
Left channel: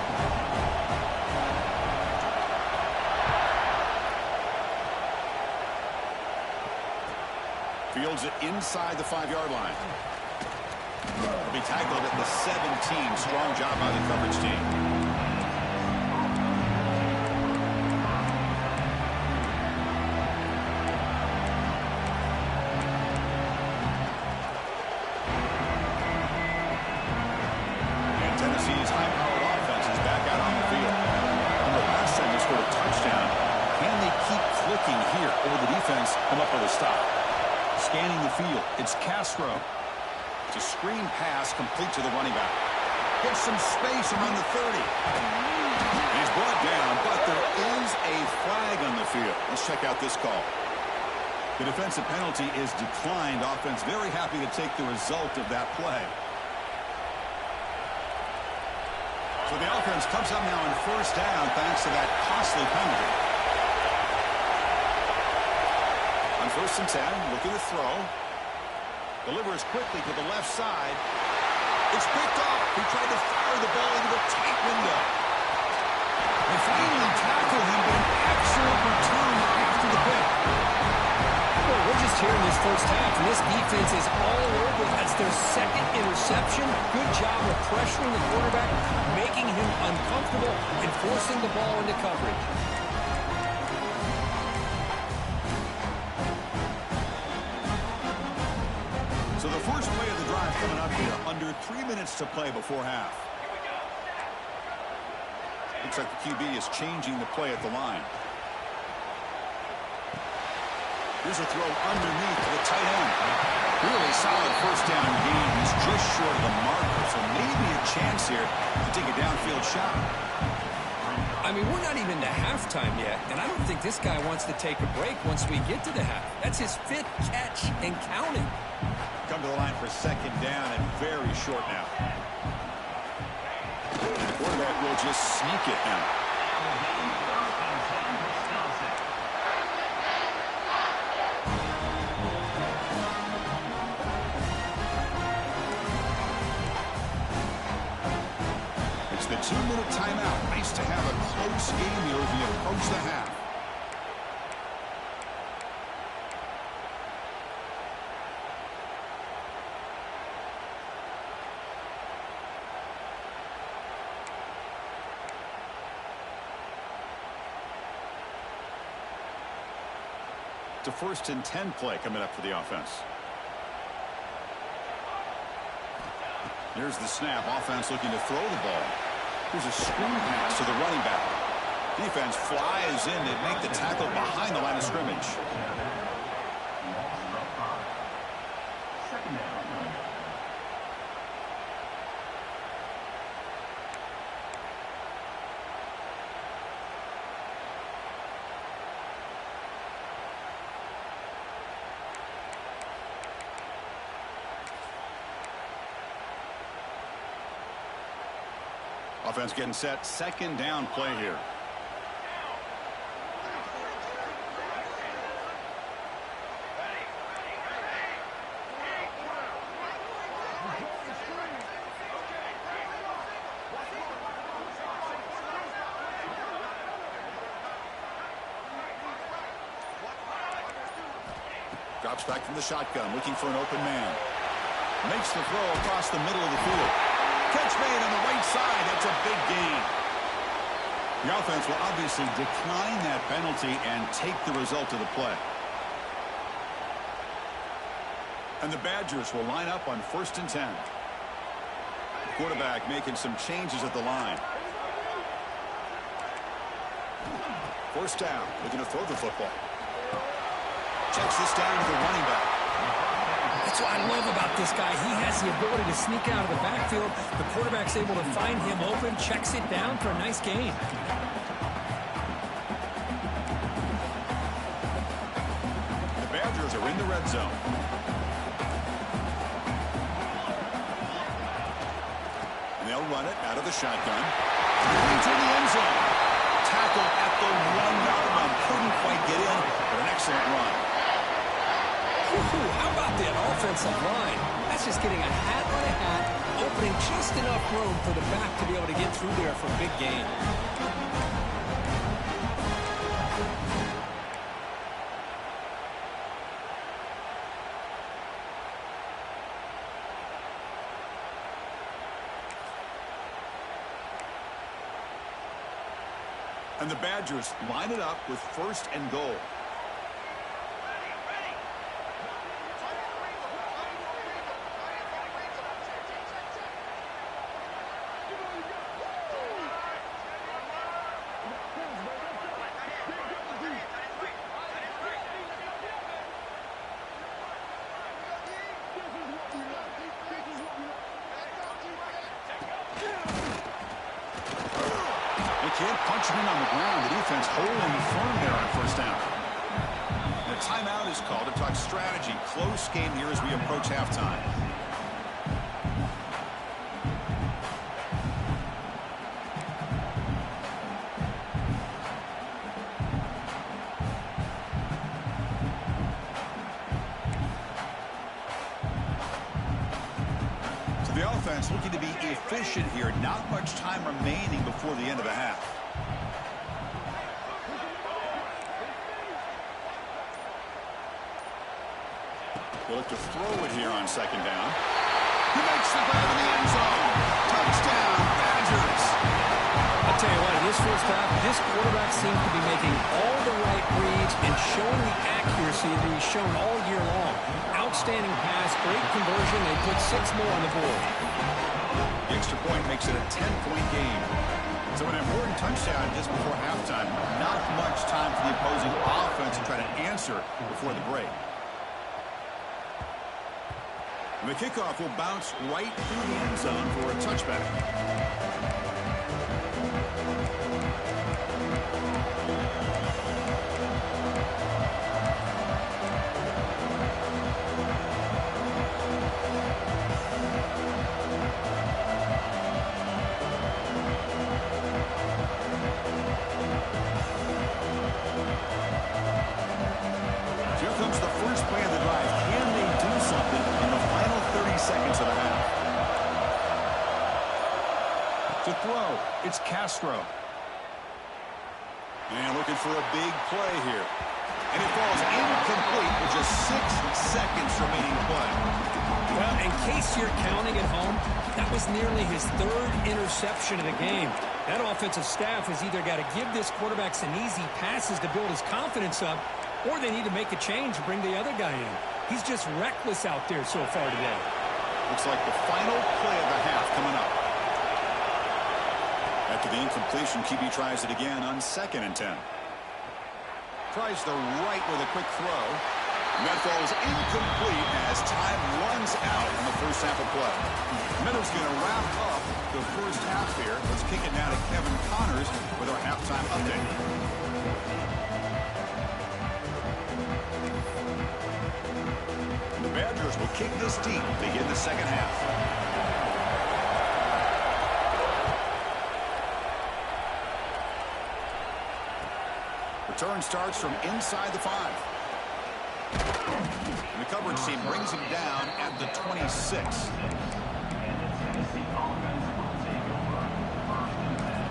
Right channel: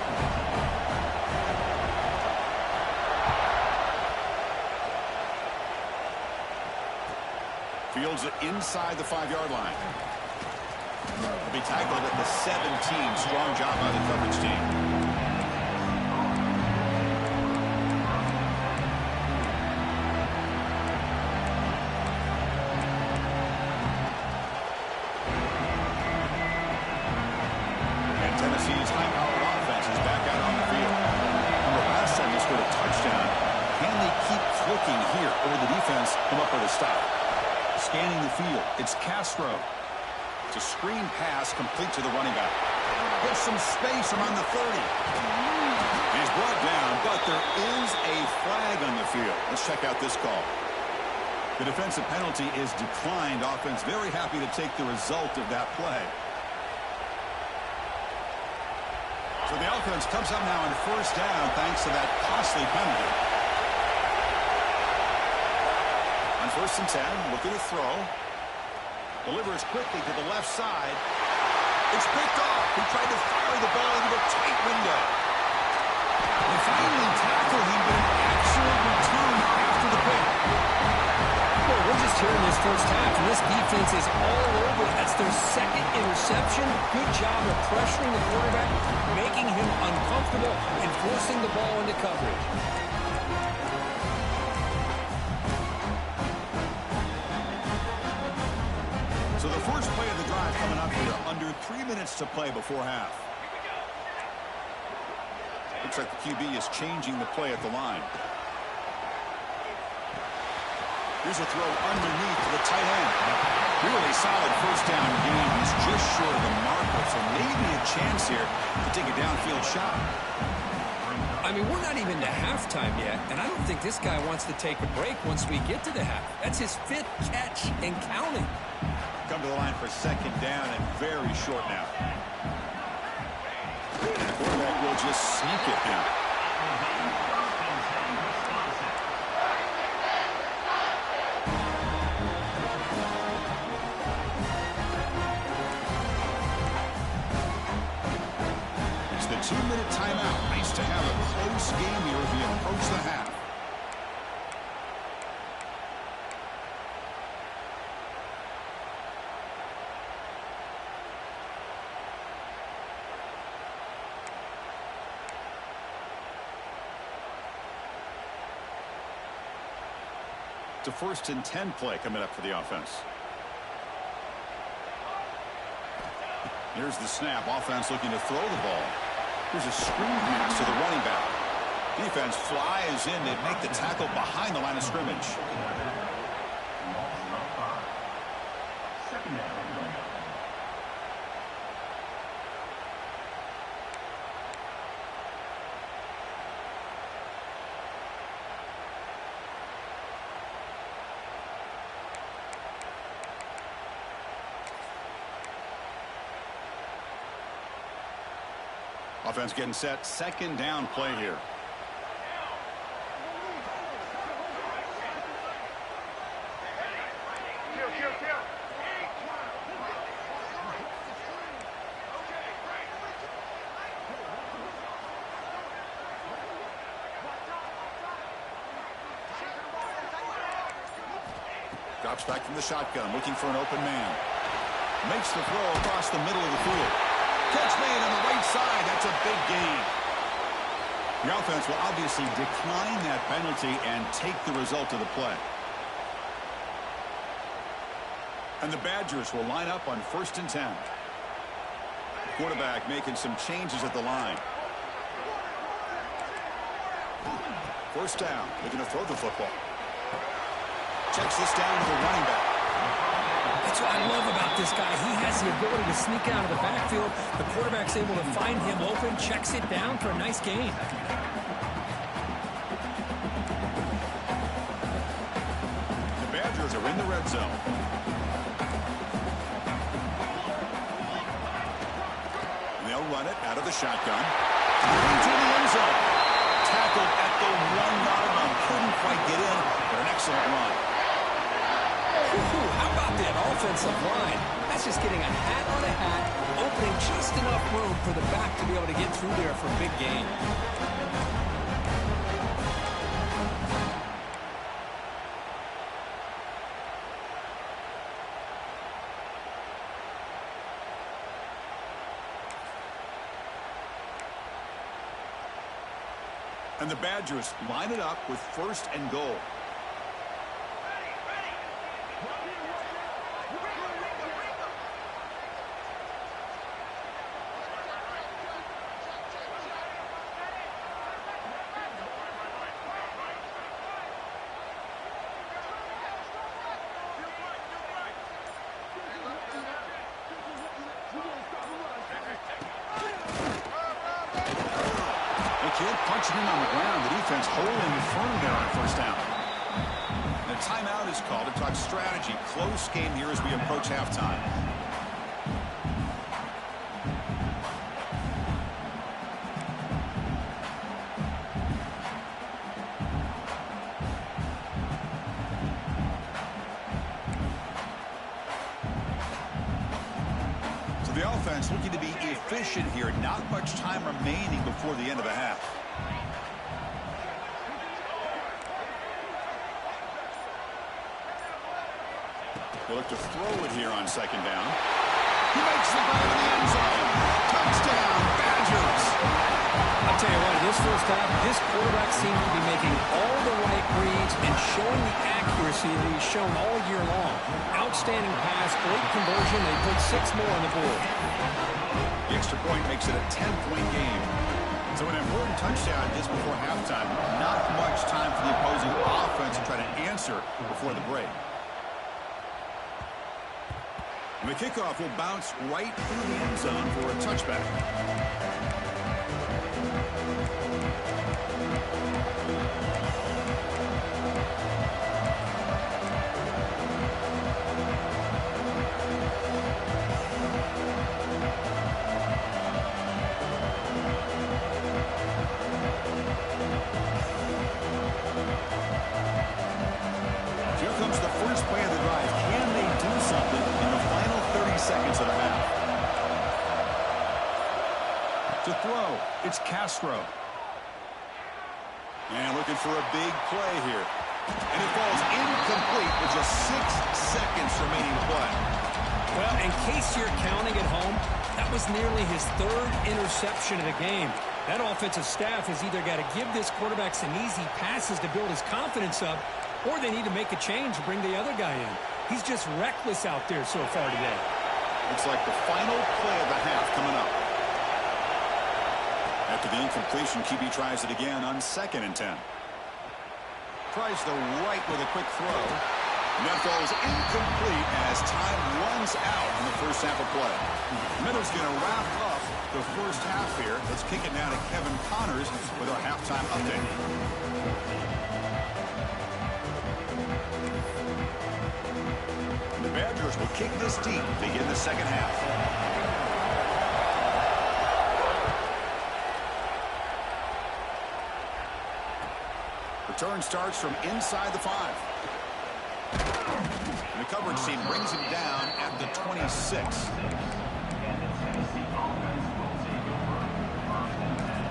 Fields it inside the 5-yard line. He'll be tackled at the 17. Strong job by the coverage team. Tennessee's high-powered offense is back out on the field. Remember last time they scored a touchdown. Can they keep clicking here, or will the defense come up with a stop? Scanning the field, it's Castro. It's a screen pass complete to the running back. Gets some space around the 30. He's brought down, but there is a flag on the field. Let's check out this call. The defensive penalty is declined. Offense very happy to take the result of that play. So the offense comes up now in 1st down thanks to that costly penalty. On 1st and 10, looking to throw. Delivers quickly to the left side. It's picked off. He tried to fire the ball into a tight window. They finally tackle him, but an excellent return after the pick. Well, we're just here in this first half, and this defense is all over. That's their 2nd interception. Good job of pressuring the quarterback, making him uncomfortable, and forcing the ball into coverage. So the first play of the drive coming up here, under 3 minutes to play before half. Looks like the QB is changing the play at the line. Here's a throw underneath to the tight end. Really solid first down gain. He's just short of the marker, so maybe a chance here to take a downfield shot. I mean, we're not even to halftime yet, and I don't think this guy wants to take a break once we get to the half. That's his 5th catch and counting. Come to the line for 2nd down and very short now. The quarterback will just sneak it now. It's the 2-minute timeout. Nice to have a close game here as we approach the half. It's a 1st and 10 play coming up for the offense. Here's the snap. Offense looking to throw the ball. Here's a screen pass to the running back. Defense flies in. They make the tackle behind the line of scrimmage. Second down. Offense getting set. 2nd down play here. Drops back from the shotgun, looking for an open man. Makes the throw across the middle of the field. Catch made on the right side. That's a big gain. The offense will obviously decline that penalty and take the result of the play. And the Badgers will line up on 1st and 10. The quarterback making some changes at the line. 1st down, looking to throw the football. Checks this down to the running back. That's what I love about this guy. He has the ability to sneak out of the backfield. The quarterback's able to find him open, checks it down for a nice gain. The Badgers are in the red zone. They'll run it out of the shotgun. Into the end zone. Tackled at the 1-yard line. Couldn't quite get in, but an excellent run. How about that offensive line? That's just getting a hat on a hat, opening just enough room for the back to be able to get through there for a big gain. And the Badgers line it up with 1st and goal. Can't punch it in on the ground. The defense holding firm there on 1st down. And a timeout is called to talk strategy. Close game here as we approach halftime. So the offense looking to be efficient here. Not much time remaining before the end of the half. They look to throw it here on 2nd down. He makes the grab in the end zone. Touchdown, Badgers. I'll tell you what, in this 1st half, this quarterback seems to be making all the right reads and showing the accuracy that he's shown all year long. Outstanding pass, great conversion. They put 6 more on the board. The extra point makes it a 10-point game. So an important touchdown just before halftime. Not much time for the opposing offense to try to answer before the break. And the kickoff will bounce right through the end zone for a touchback. Here comes the first play of the drive. Can they do something in the final 30 seconds of the half? To throw, it's Castro. And looking for a big play here. And it falls incomplete with just 6 seconds remaining to play. Well, in case you're counting at home, that was nearly his 3rd interception of the game. That offensive staff has either got to give this quarterback some easy passes to build his confidence up, or they need to make a change and bring the other guy in. He's just reckless out there so far today. Looks like the final play of the half coming up. After the incompletion, QB tries it again on 2nd and 10. Tries the right with a quick throw. And that falls incomplete as time runs out in the 1st half of play. Meadows going to wrap up the 1st half here. Let's kick it now to Kevin Connors with our halftime update. The Badgers will kick this deep to begin the 2nd half. Return starts from inside the 5. And the coverage team brings him down at the 26. And the Tennessee offense will take over 1st and 10.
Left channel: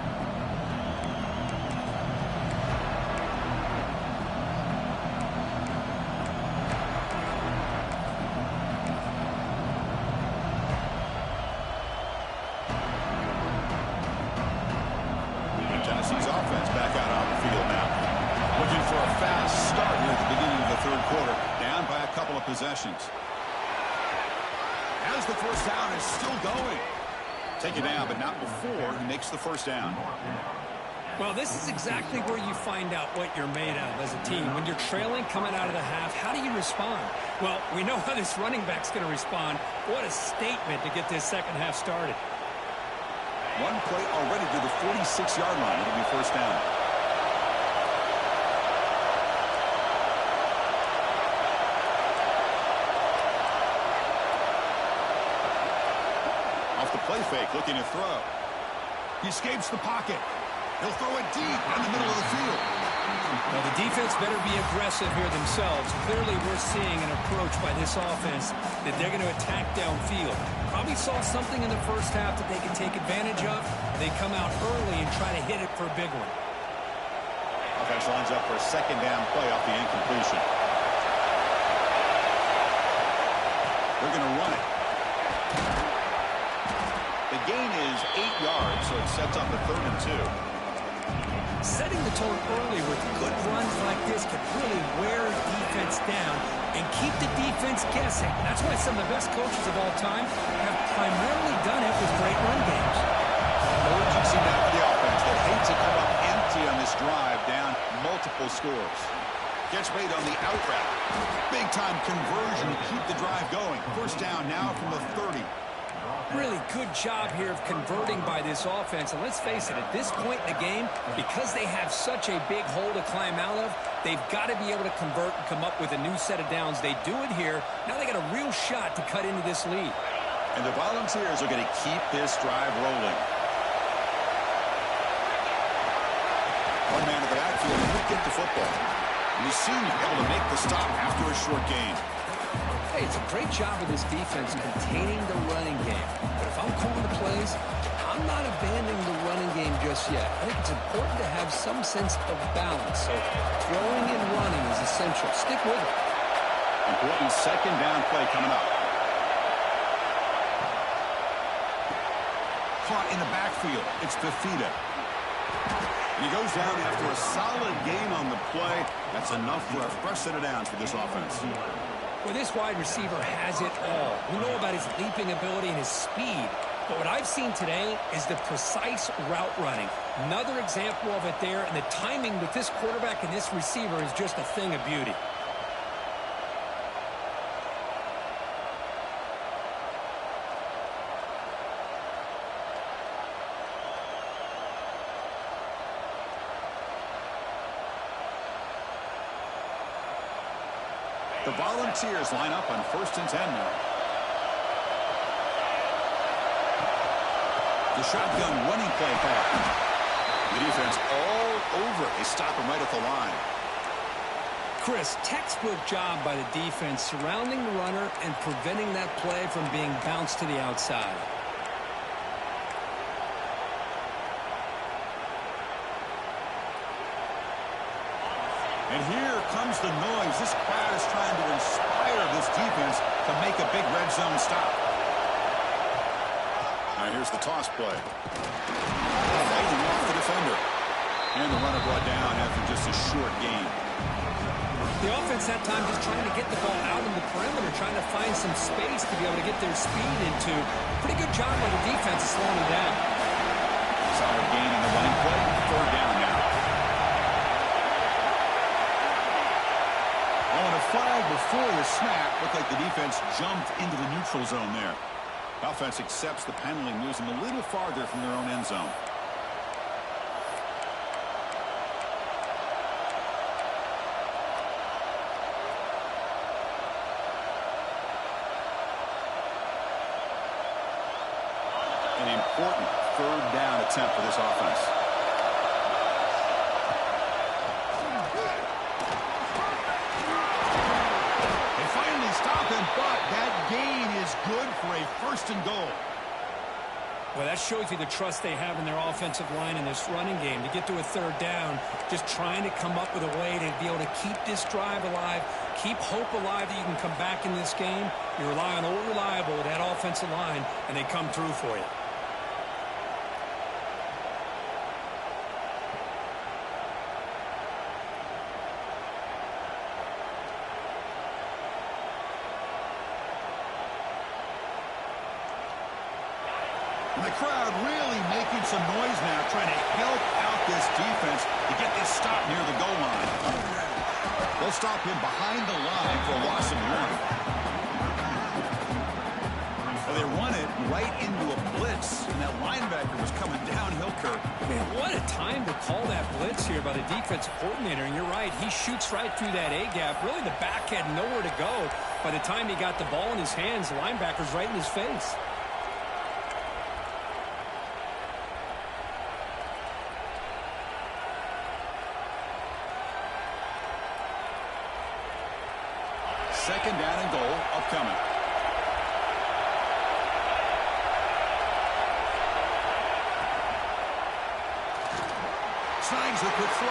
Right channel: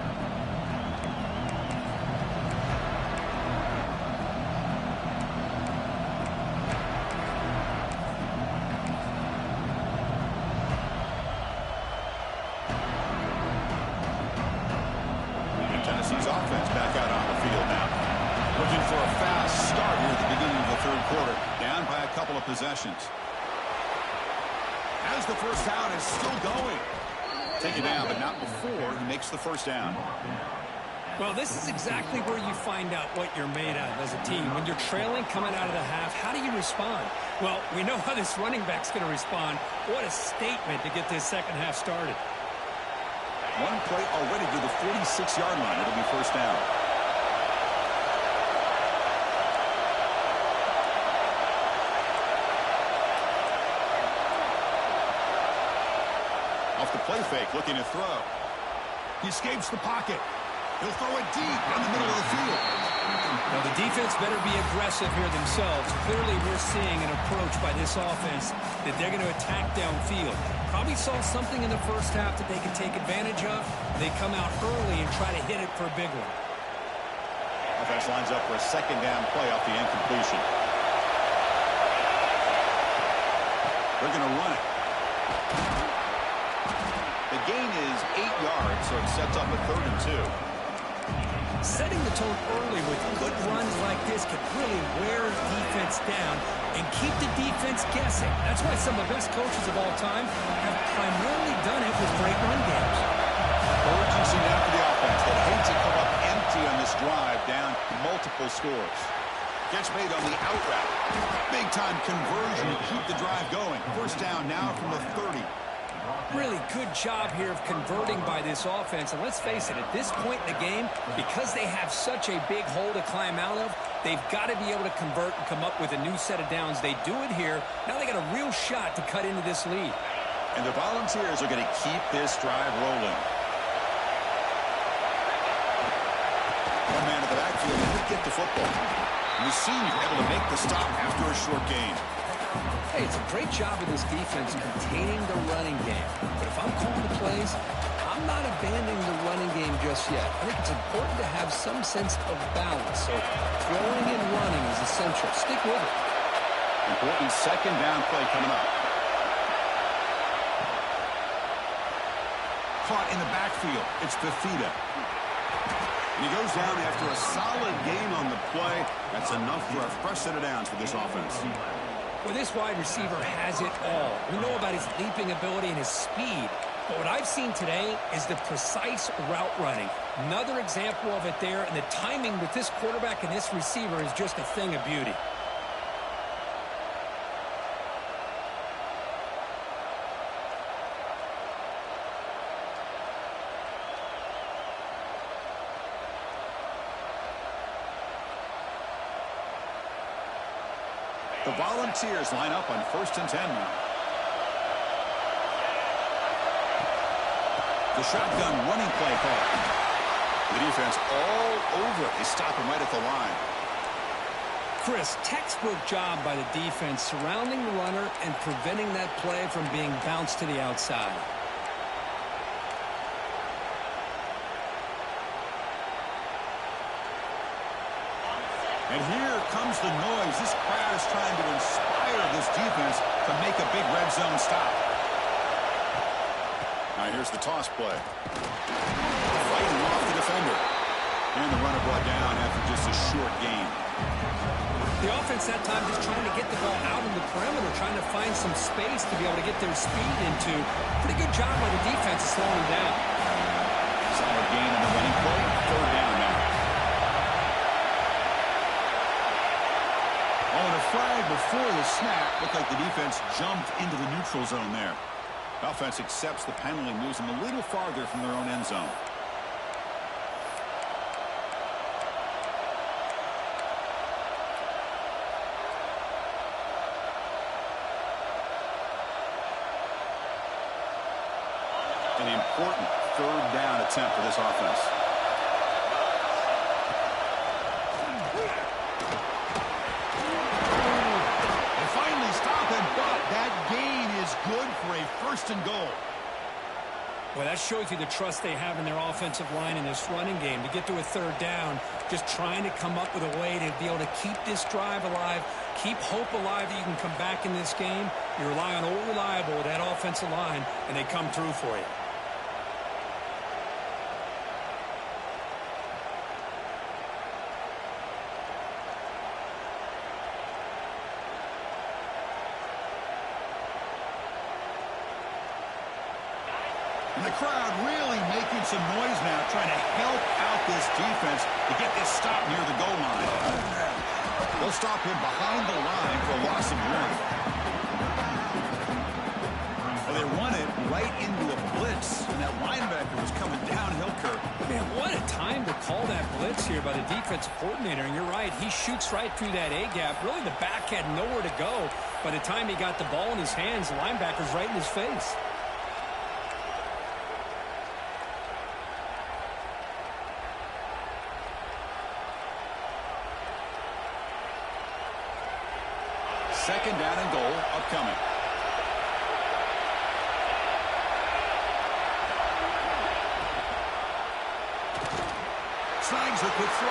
offense back out on the field now. Looking for a fast start here at the beginning of the third quarter. Down by a couple of possessions. As the first down is still going. Take it down, but not before he makes the first down. Well, this is exactly where you find out what you're made of as a team. When you're trailing coming out of the half, how do you respond? Well, we know how this running back's going to respond. What a statement to get this second half started. One play already to the 46-yard line. It'll be first down. Off the play fake, looking to throw. He escapes the pocket. He'll throw it deep down the middle of the field. Now, the defense better be aggressive here themselves. Clearly, we're seeing an approach by this offense that they're going to attack downfield. Probably saw something in the first half that they could take advantage of. They come out early and try to hit it for a big one. Offense lines up for a second down play off the incompletion. They're going to run it. The gain is 8 yards, so it sets up a 3rd and 2. Setting the tone early with good runs like this can really wear defense down and keep the defense guessing. That's why some of the best coaches of all time have primarily done it with great run games. Urgency now for the offense that hates to come up empty on this drive, down multiple scores. Gets made on the out route. Big-time conversion to keep the drive going. First down now from the 30. Really good job here of converting by this offense. And let's face it, at this point in the game, because they have such a big hole to climb out of, they've got to be able to convert and come up with a new set of downs. They do it here. Now they got a real shot to cut into this lead. And the Volunteers are going to keep this drive rolling. One man at the backfield will get the football. And the senior able to make the stop after a short gain. Hey, it's a great job of this defense containing the running game. But if I'm calling the plays, I'm not abandoning the running game just yet. I think it's important to have some sense of balance. So throwing and running is essential. Stick with it. Important second down play coming up. Caught in the backfield. It's Fafita. And he goes down after a solid gain on the play. That's enough for a fresh set of downs for this offense. Well, this wide receiver has it all. We know about his leaping ability and his speed. But what I've seen today is the precise route running. Another example of it there. And the timing with this quarterback and this receiver is just a thing of beauty. The Volunteers line up on 1st and 10 now. The shotgun running play call. The defense all over it. They stop him right at the line. Chris, textbook job by the defense surrounding the runner and preventing that play from being bounced to the outside. And here comes the noise. This crowd is trying to inspire this defense to make a big red zone stop. Now here's the toss play. Fighting off the defender. And the runner brought down after just a short gain. The offense that time just trying to get the ball out on the perimeter, trying to find some space to be able to get their speed into. Pretty good job by the defense slowing them down. Solid gain in the running play. 3rd down now. Oh, and a flag before the snap. Looked like the defense jumped into the neutral zone there. Offense accepts the penalty, moves them a little farther from their own end zone. An important 3rd down attempt for this offense. Stop him, but that gain is good for a 1st and goal. Well, that shows you the trust they have in their offensive line in this running game. To get to a 3rd down, just trying to come up with a way to be able to keep this drive alive, keep hope alive that you can come back in this game. You rely on old reliable, that offensive line, and they come through for you. And the crowd really making some noise now, trying to help out this defense to get this stop near the goal line. They'll stop him behind the line for a loss of 1. Well, they run it right into a blitz, and that linebacker was coming downhill, Kirk. Man, what a time to call that blitz here by the defensive coordinator. And you're right, he shoots right through that A-gap. Really, the back had nowhere to go. By the time he got the ball in his hands, the linebacker's right in his face. Second down and goal upcoming. Snags the quick throw.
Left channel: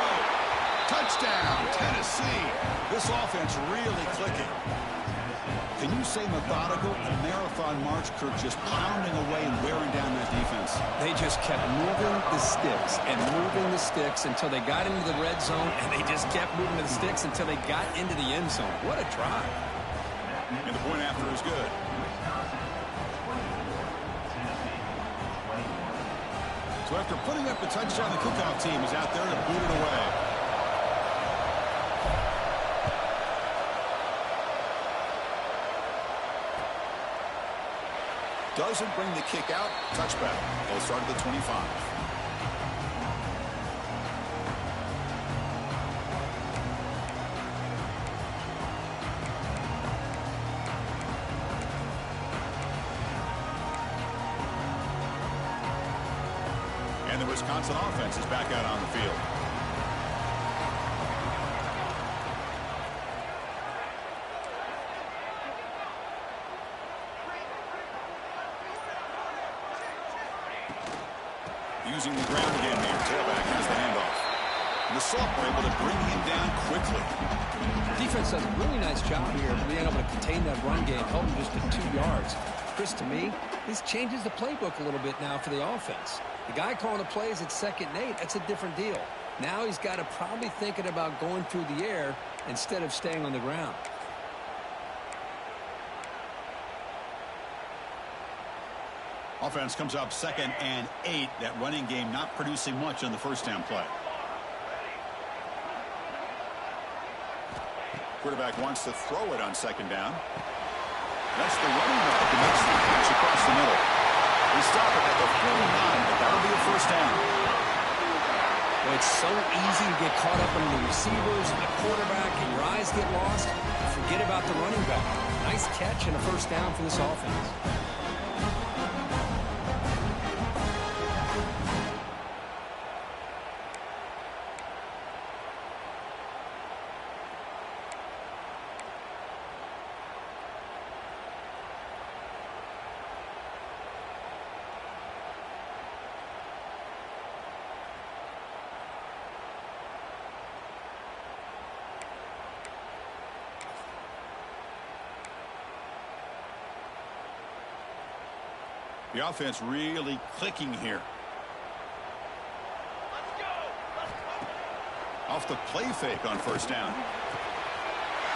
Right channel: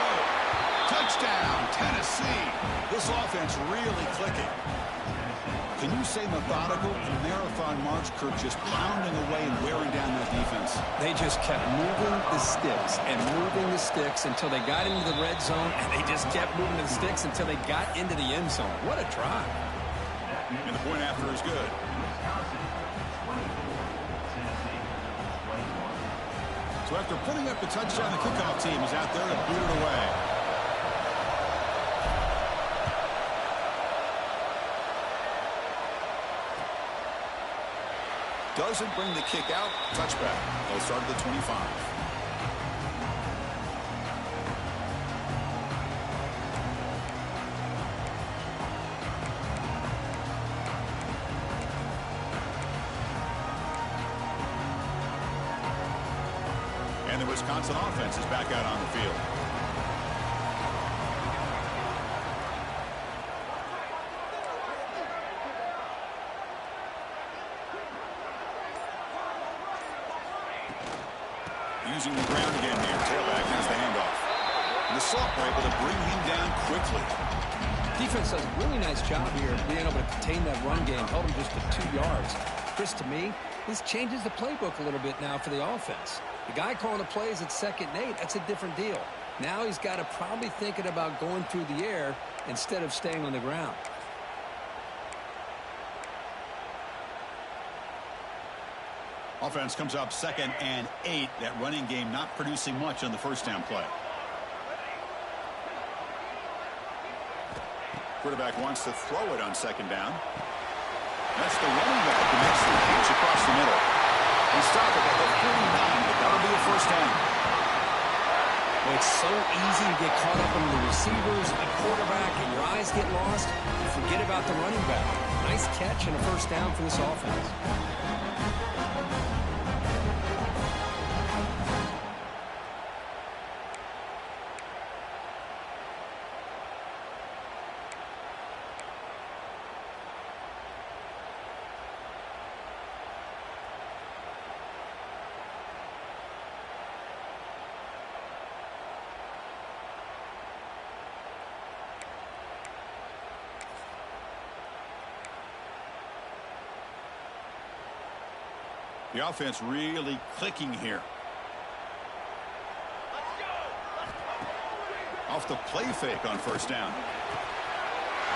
Touchdown, Tennessee. This offense really clicking. Can you say methodical? A marathon march, Kirk, just pounding away and wearing down that defense. They just kept moving the sticks and moving the sticks until they got into the red zone, and they just kept moving the sticks until they got into the end zone. What a drive. And the point after is good. So after putting up the touchdown, the kickoff team is out there to boot it away. Doesn't bring the kick out. Touchback. They'll start at the 25. And the Wisconsin offense is back out on the field. Using the ground again here. Tailback has the handoff. And the Sophomore able to bring him down quickly. Defense does a really nice job here of being able to contain that run game, held him just to 2 yards. Chris, to me, this changes the playbook a little bit now for the offense. The guy calling the plays at 2nd and 8, that's a different deal. Now he's got to probably thinking about going through the air instead of staying on the ground. Offense comes up 2nd and 8. That running game not producing much on the first down play. Quarterback wants to throw it on 2nd down. That's the running back who makes the catch across the middle. They stop it at the 49, but that'll be a first down. Well, it's so easy to get caught up under the receivers and the quarterback, and your eyes get lost. You forget about the running back. Nice catch and a first down for this offense. The offense really clicking here. Off the play fake on first down.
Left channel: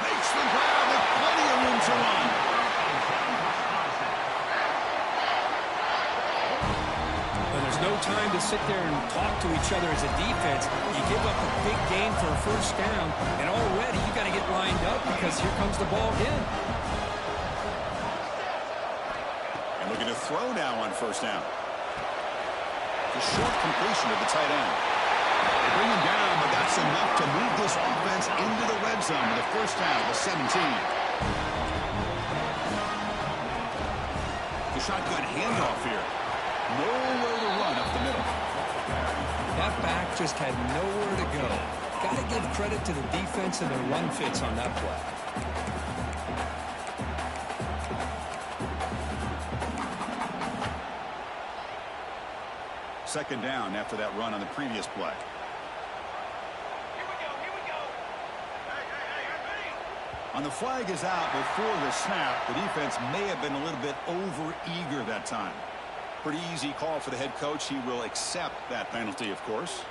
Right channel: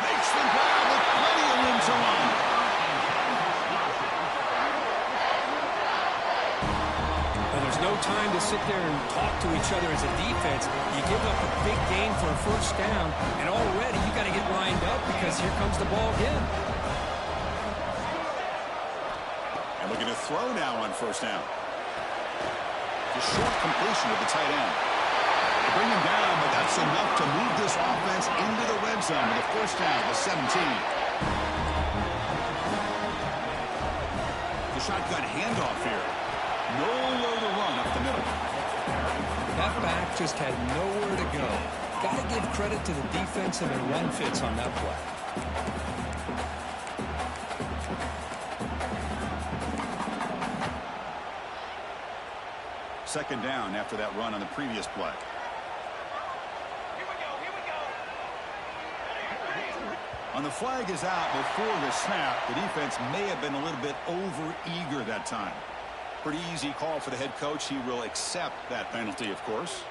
Makes the grab with plenty of room to run. But there's no time to sit there and talk to each other as a defense. You give up a big gain for a first down, and already you got to get lined up because here comes the ball again. Looking to throw now on first down. It's a short completion of the tight end. They bring him down, but that's enough to move this offense into the red zone with a first down at the 17. The shotgun handoff here. Nowhere to run up the middle. That back just had nowhere to go. Got to give credit to the defense and their run fits on that play. Second down after that run on the previous play. Here we go. On the flag is out before the snap. The defense may have been a little bit over-eager that time. Pretty easy call for the head coach. He will accept that penalty, of course.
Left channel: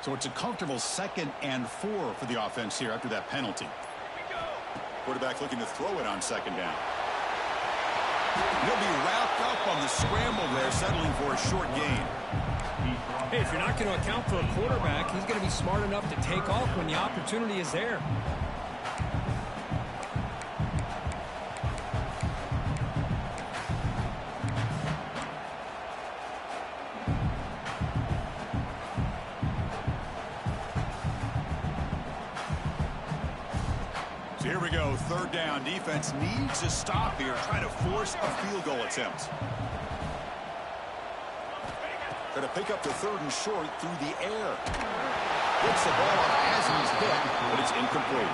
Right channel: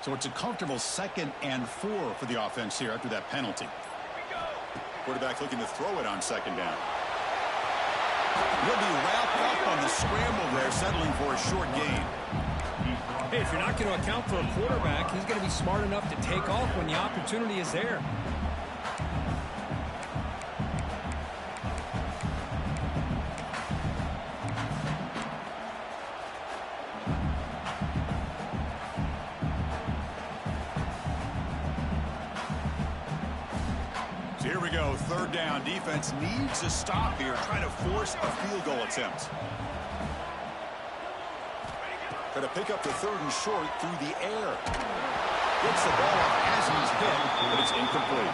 So it's a comfortable 2nd and 4 for the offense here after that penalty. Quarterback looking to throw it on 2nd down. He'll be wrapped up on the scramble there, settling for a short gain. Hey, if you're not going to account for a quarterback, he's going to be smart enough to take off when the opportunity is there. So here we go, 3rd down. Defense needs a stop here, trying to force a field goal attempt. Try to pick up the 3rd and short through the air. Gets the ball up as he's hit, but it's incomplete.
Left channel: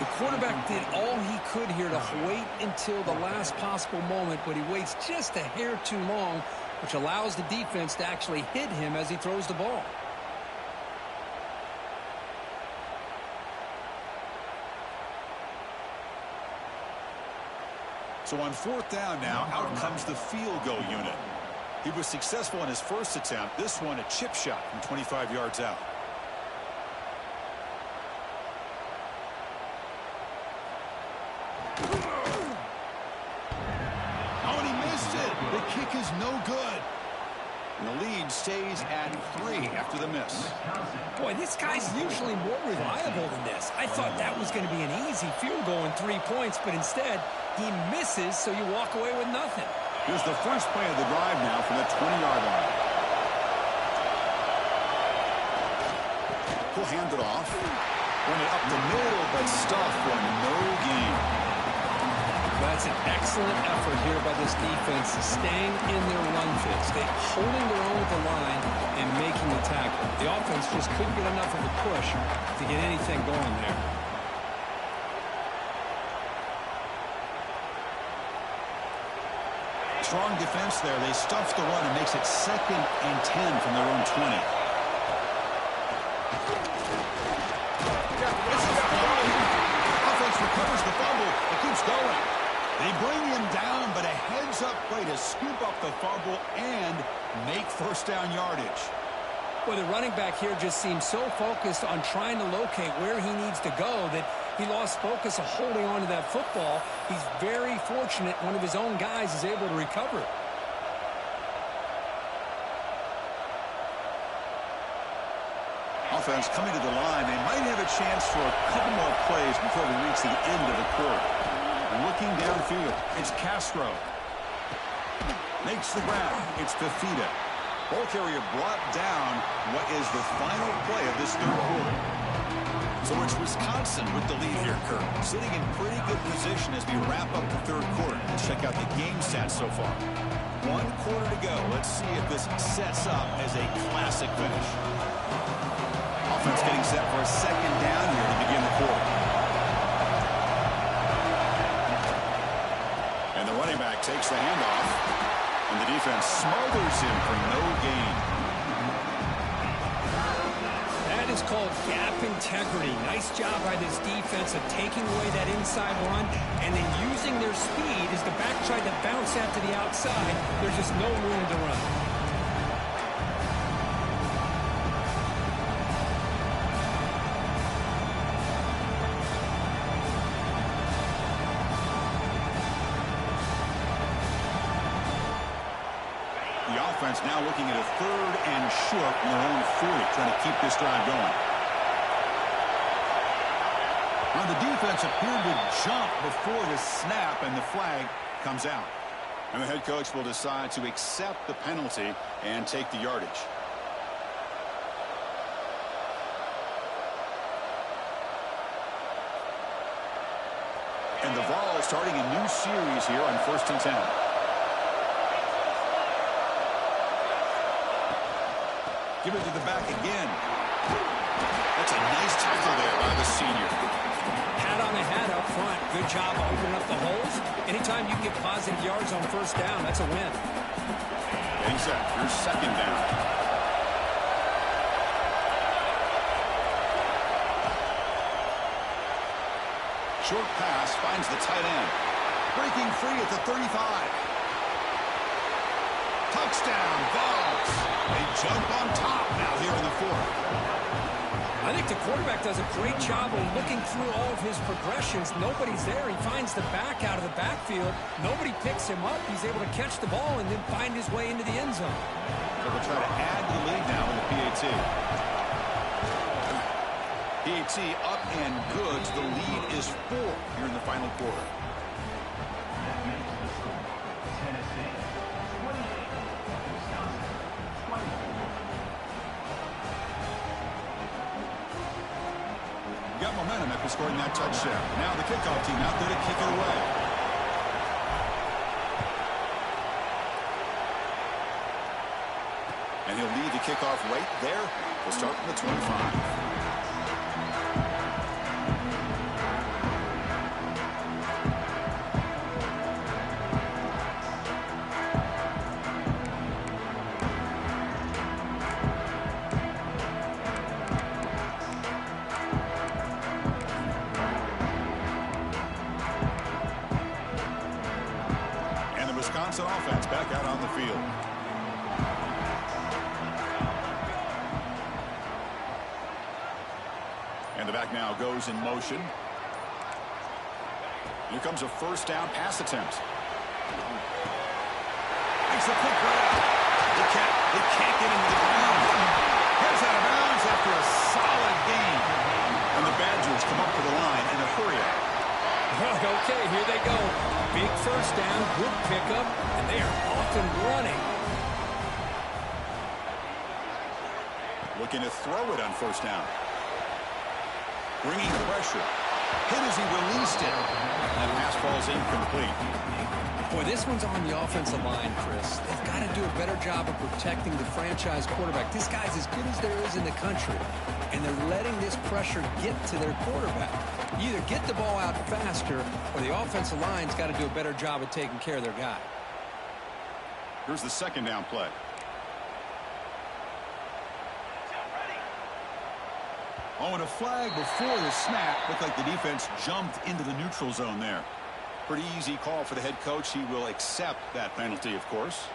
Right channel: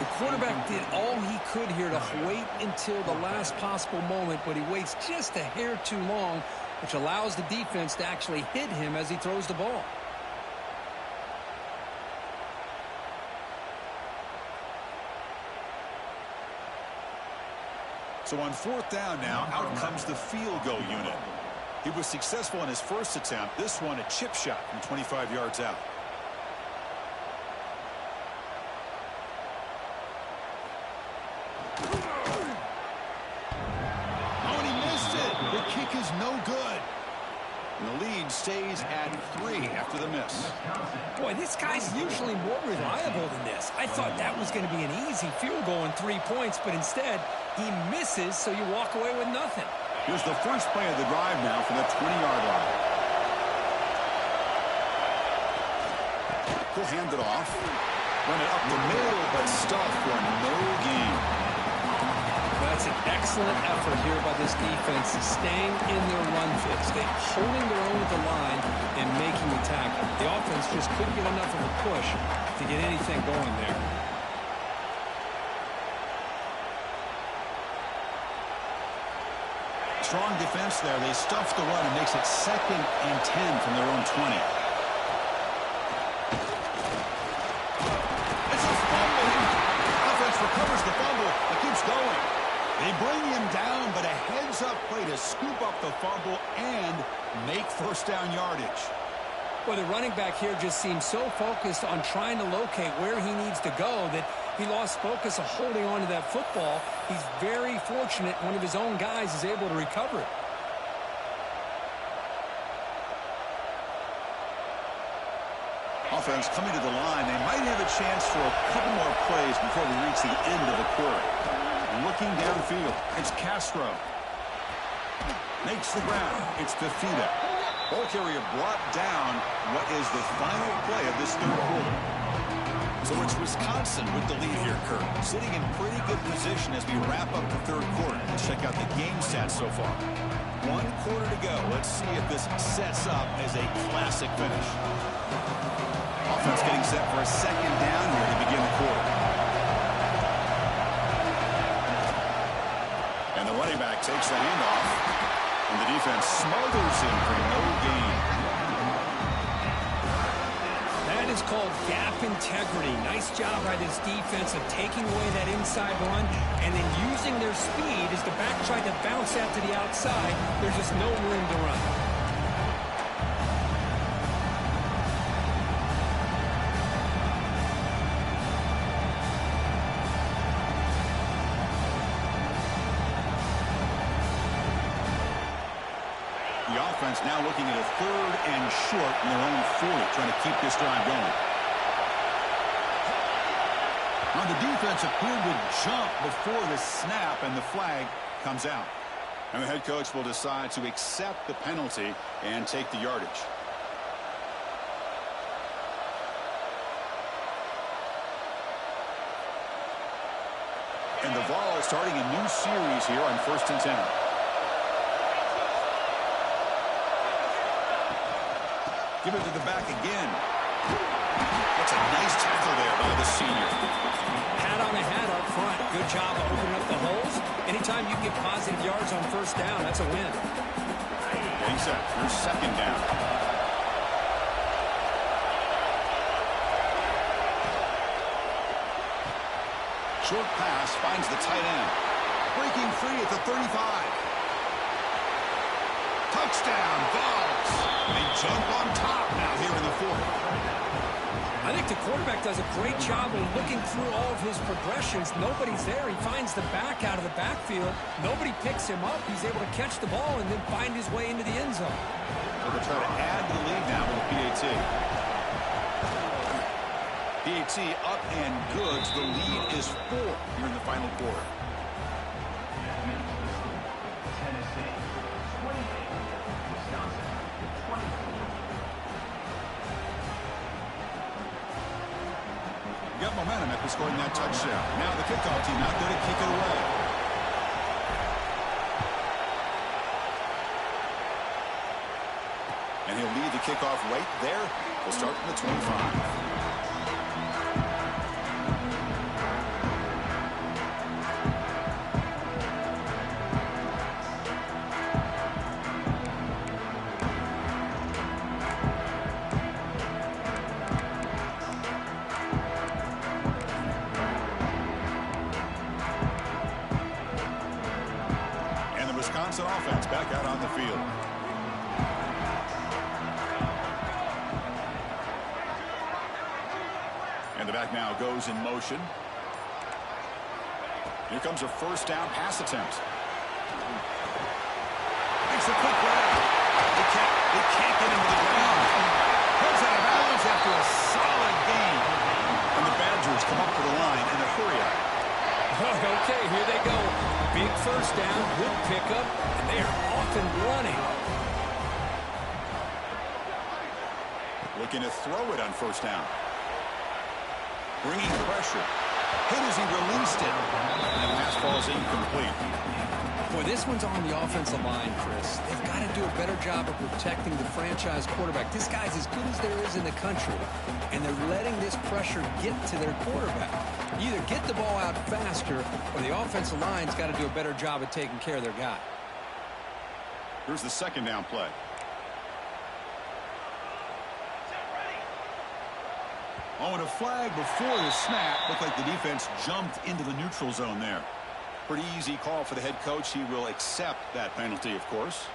The quarterback did all he could here to wait until the last possible moment, but he waits just a hair too long, which allows the defense to actually hit him as he throws the ball. So on 4th down now, out comes the field goal unit. He was successful in his first attempt. This one, a chip shot from 25 yards out. Oh, and he missed it. The kick is no good. And the lead stays at 3 after the miss. Boy, this guy's usually more reliable than this. I thought that was going to be an easy field goal and 3 points, but instead he misses, so you walk away with nothing. Here's the first play of the drive now from the 20-yard line. He'll hand it off. Run it up the middle, but stuffed for no gain. That's an excellent effort here by this defense, staying in their run fits. They're holding their own with the line and making the tackle. The offense just couldn't get enough of a push to get anything going there. Strong defense there. They stuff the run and makes it 2nd and 10 from their own 20. It's a fumble. Offense recovers the fumble, but keeps going. They bring him down, but a heads-up play to scoop up the fumble and make 1st down yardage. Well, the running back here just seems so focused on trying to locate where he needs to go that he lost focus of holding on to that football. He's very fortunate one of his own guys is able to recover it. Offense coming to the line. They might have a chance for a couple more plays before we reach the end of the quarter. Looking downfield, it's Castro. Makes the ground. It's Fafita. Ball carrier brought down. What is the final play of this 3rd quarter? So it's Wisconsin with the lead here, Kurt. Sitting in pretty good position as we wrap up the 3rd quarter. Let's check out the game stats so far. 1 quarter to go. Let's see if this sets up as a classic finish. Offense getting set for a 2nd down here to begin the quarter. And the running back takes the handoff. And the defense smothers him for no gain. That is called gap integrity. Nice job by this defense of taking away that inside run and then using their speed as the back tried to bounce out to the outside. There's just no room to run. The offense now looking at a 3rd and short from their own 40, trying to keep this drive going. Now the defense appeared to jump before the snap, and the flag comes out. And the head coach will decide to accept the penalty and take the yardage. And the Vols starting a new series here on 1st and 10. Give it to the back again. That's a nice tackle there by the senior. Hat on the hat up front. Good job of opening up the holes. Anytime you get positive yards on 1st down, that's a win. Getting set. Here's 2nd down. Short pass finds the tight end. Breaking free at the 35. Touchdown, Vols. They jump on top now here in the fourth. I think the quarterback does a great job of looking through all of his progressions. Nobody's there. He finds the back out of the backfield. Nobody picks him up. He's able to catch the ball and then find his way into the end zone. So they'll try to add to the lead now with the PAT. PAT up and good. The lead is 4 here in the final quarter. That makes the score. Tennessee 28, Wisconsin 24. Got momentum after scoring that touchdown. Now the kickoff team out there to kick it away. And he'll lead the kickoff right there. We'll start from the 25. Wisconsin offense back out on the field. And the back now goes in motion. Here comes a first down pass attempt. Makes a quick grab. They can't get into the ground. Heads out of bounds after a solid gain. And the Badgers come up to the line in a hurry-up. Okay, here they go. Big first down, good pickup, and they are off and running. Looking to throw it on first down. Bringing pressure. Hit as he released it. And the pass falls incomplete. Boy, this one's on the offensive line, Chris. They've got to do a better job of protecting the franchise quarterback. This guy's as good as there is in the country, and they're letting this pressure get to their quarterback. You either get the ball out faster, or the offensive line's got to do a better job of taking care of their guy. Here's the second down play. Oh, and a flag before the snap. Looked like the defense jumped into the neutral zone there. Pretty easy call for the head coach. He will accept that penalty, of course.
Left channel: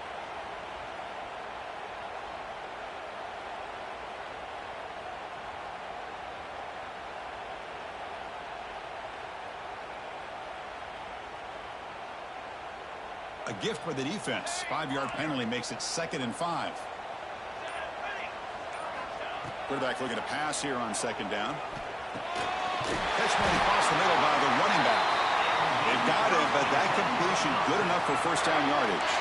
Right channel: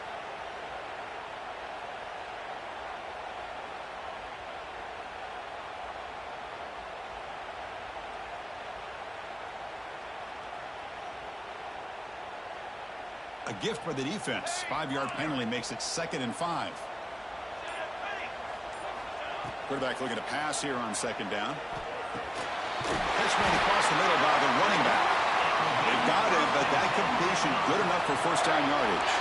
A gift by the defense. 5-yard penalty makes it 2nd and 5. Quarterback looking to pass here on second down. Catch made across the middle by the running back. They've got him, but that completion good enough for first down yardage.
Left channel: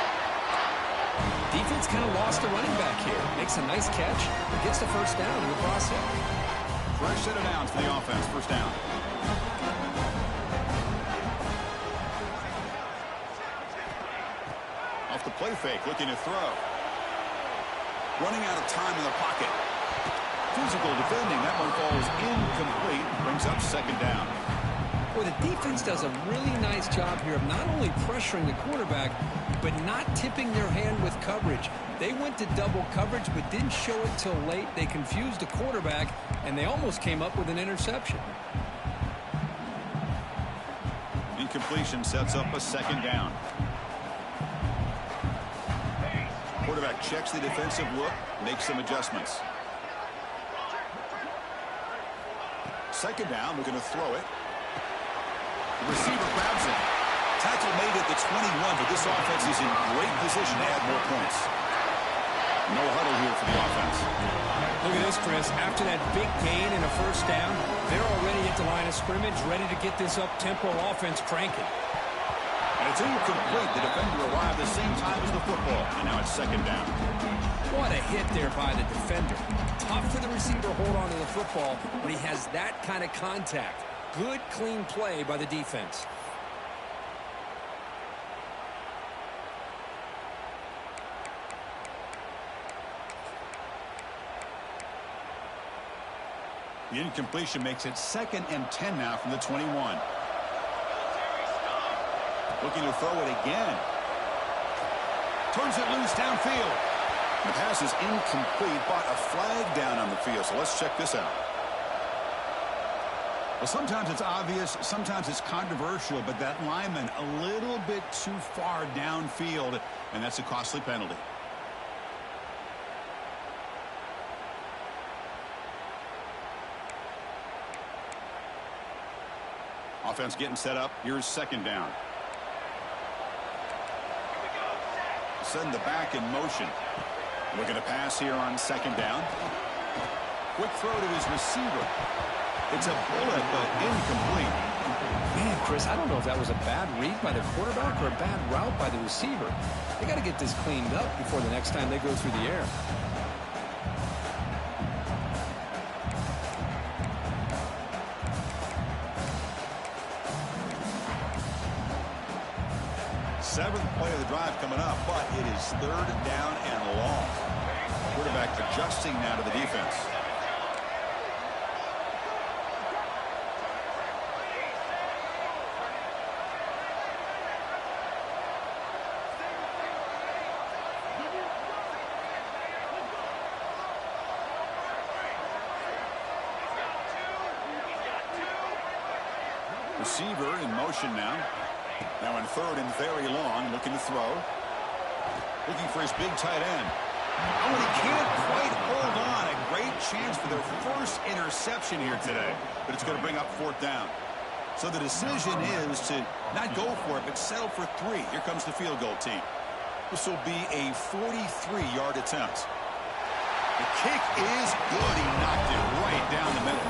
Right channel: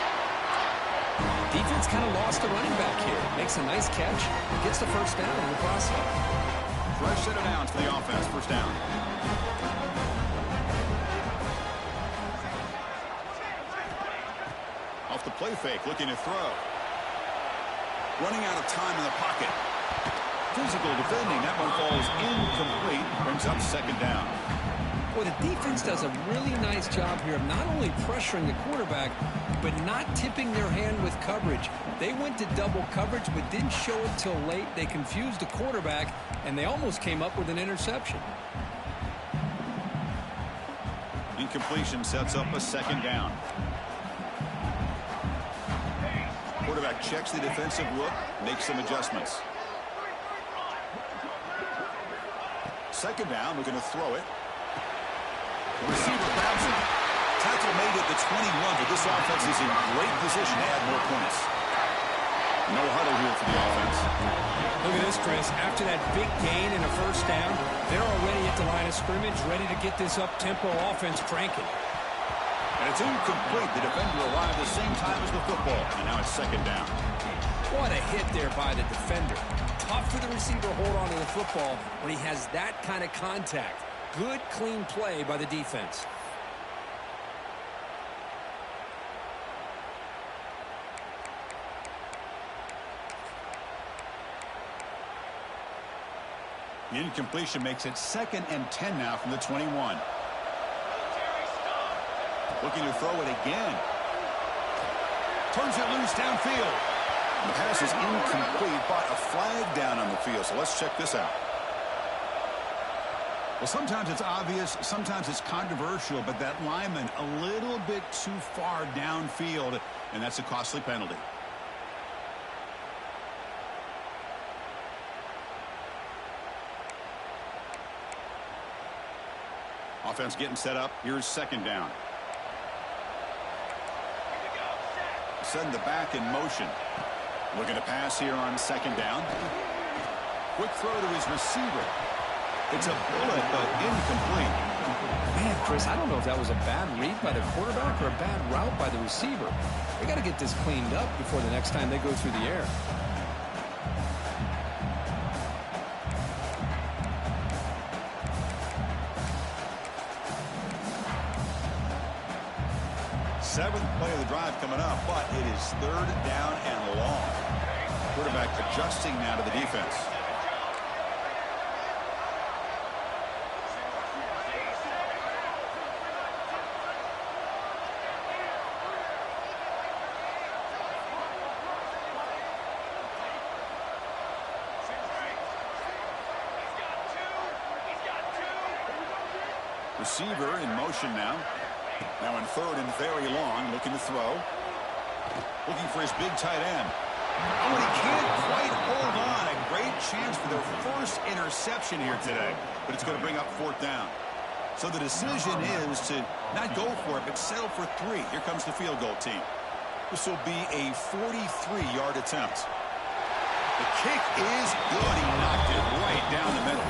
Defense kind of lost a running back here. Makes a nice catch and gets the first down in the process. Fresh set of downs for the offense. First down. Off the play fake, looking to throw. Running out of time in the pocket. Physical defending. That one falls incomplete. Brings up second down. Boy, the defense does a really nice job here of not only pressuring the quarterback, but not tipping their hand with coverage. They went to double coverage, but didn't show it till late. They confused the quarterback, and they almost came up with an interception. Incompletion sets up a second down. Quarterback checks the defensive look, makes some adjustments. Second down, looking to throw it. The receiver grabs it. Tackle made at the 21, but this offense is in great position to add more points. No huddle here for the offense. Look at this, Chris. After that big gain and a first down, they're already at the line of scrimmage, ready to get this up-tempo offense cranking. And it's incomplete. The defender arrived the same time as the football, and now it's second down. What a hit there by the defender. Tough for the receiver to hold on to the football when he has that kind of contact. Good, clean play by the defense. The incompletion makes it 2nd and 10 now from the 21. Looking to throw it again. Turns it loose downfield. The pass is incomplete, but a flag down on the field. So let's check this out. Well, sometimes it's obvious, sometimes it's controversial, but that lineman a little bit too far downfield, and that's a costly penalty. Offense getting set up. Here's second down. Setting the back in motion. Looking to pass here on second down. Quick throw to his receiver. It's a bullet, but incomplete. Man, Chris, I don't know if that was a bad read by the quarterback or a bad route by the receiver. They got to get this cleaned up before the next time they go through the air. Seventh play of the drive coming up, but it is third down and long. Quarterback adjusting now to the defense. Receiver in motion now. Now in third and very long, looking to throw. Looking for his big tight end. Oh, and he can't quite hold on. A great chance for their first interception here today, but it's going to bring up fourth down. So the decision is to not go for it, but settle for 3. Here comes the field goal team. This will be a 43-yard attempt. The kick is good. He knocked it right down the middle.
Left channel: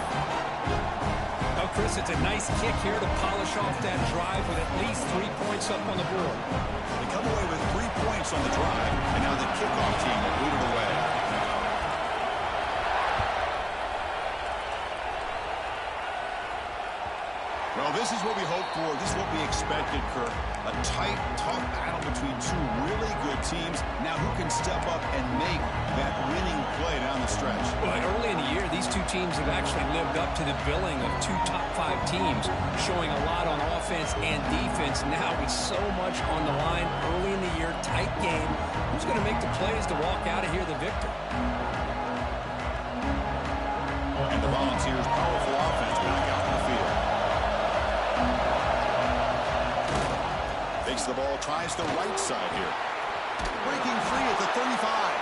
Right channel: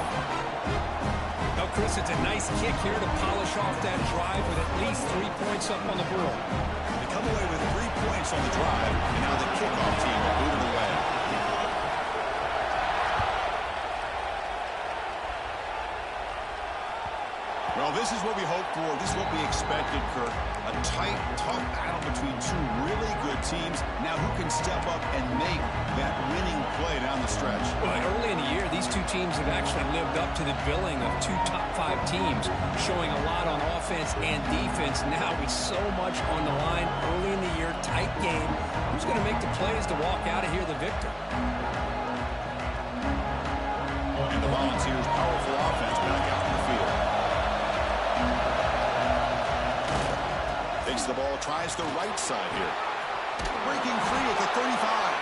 Well, Chris, it's a nice kick here to polish off that drive with at least 3 points up on the board. They come away with 3 points on the drive, and now the kickoff team will boot it away. Well, this is what we hoped for. This is what we expected, Kirk. A tight, tough battle between 2 really good teams. Now who can step up and make that winning play down the stretch? Well, early in the year, these 2 teams have actually lived up to the billing of 2 top 5 teams, showing a lot on offense and defense. Now with so much on the line early in the year, tight game. Who's going to make the plays to walk out of here the victor? And the Volunteers' powerful offense back out in the field. Takes the ball, tries the right side here. Breaking free at the 35.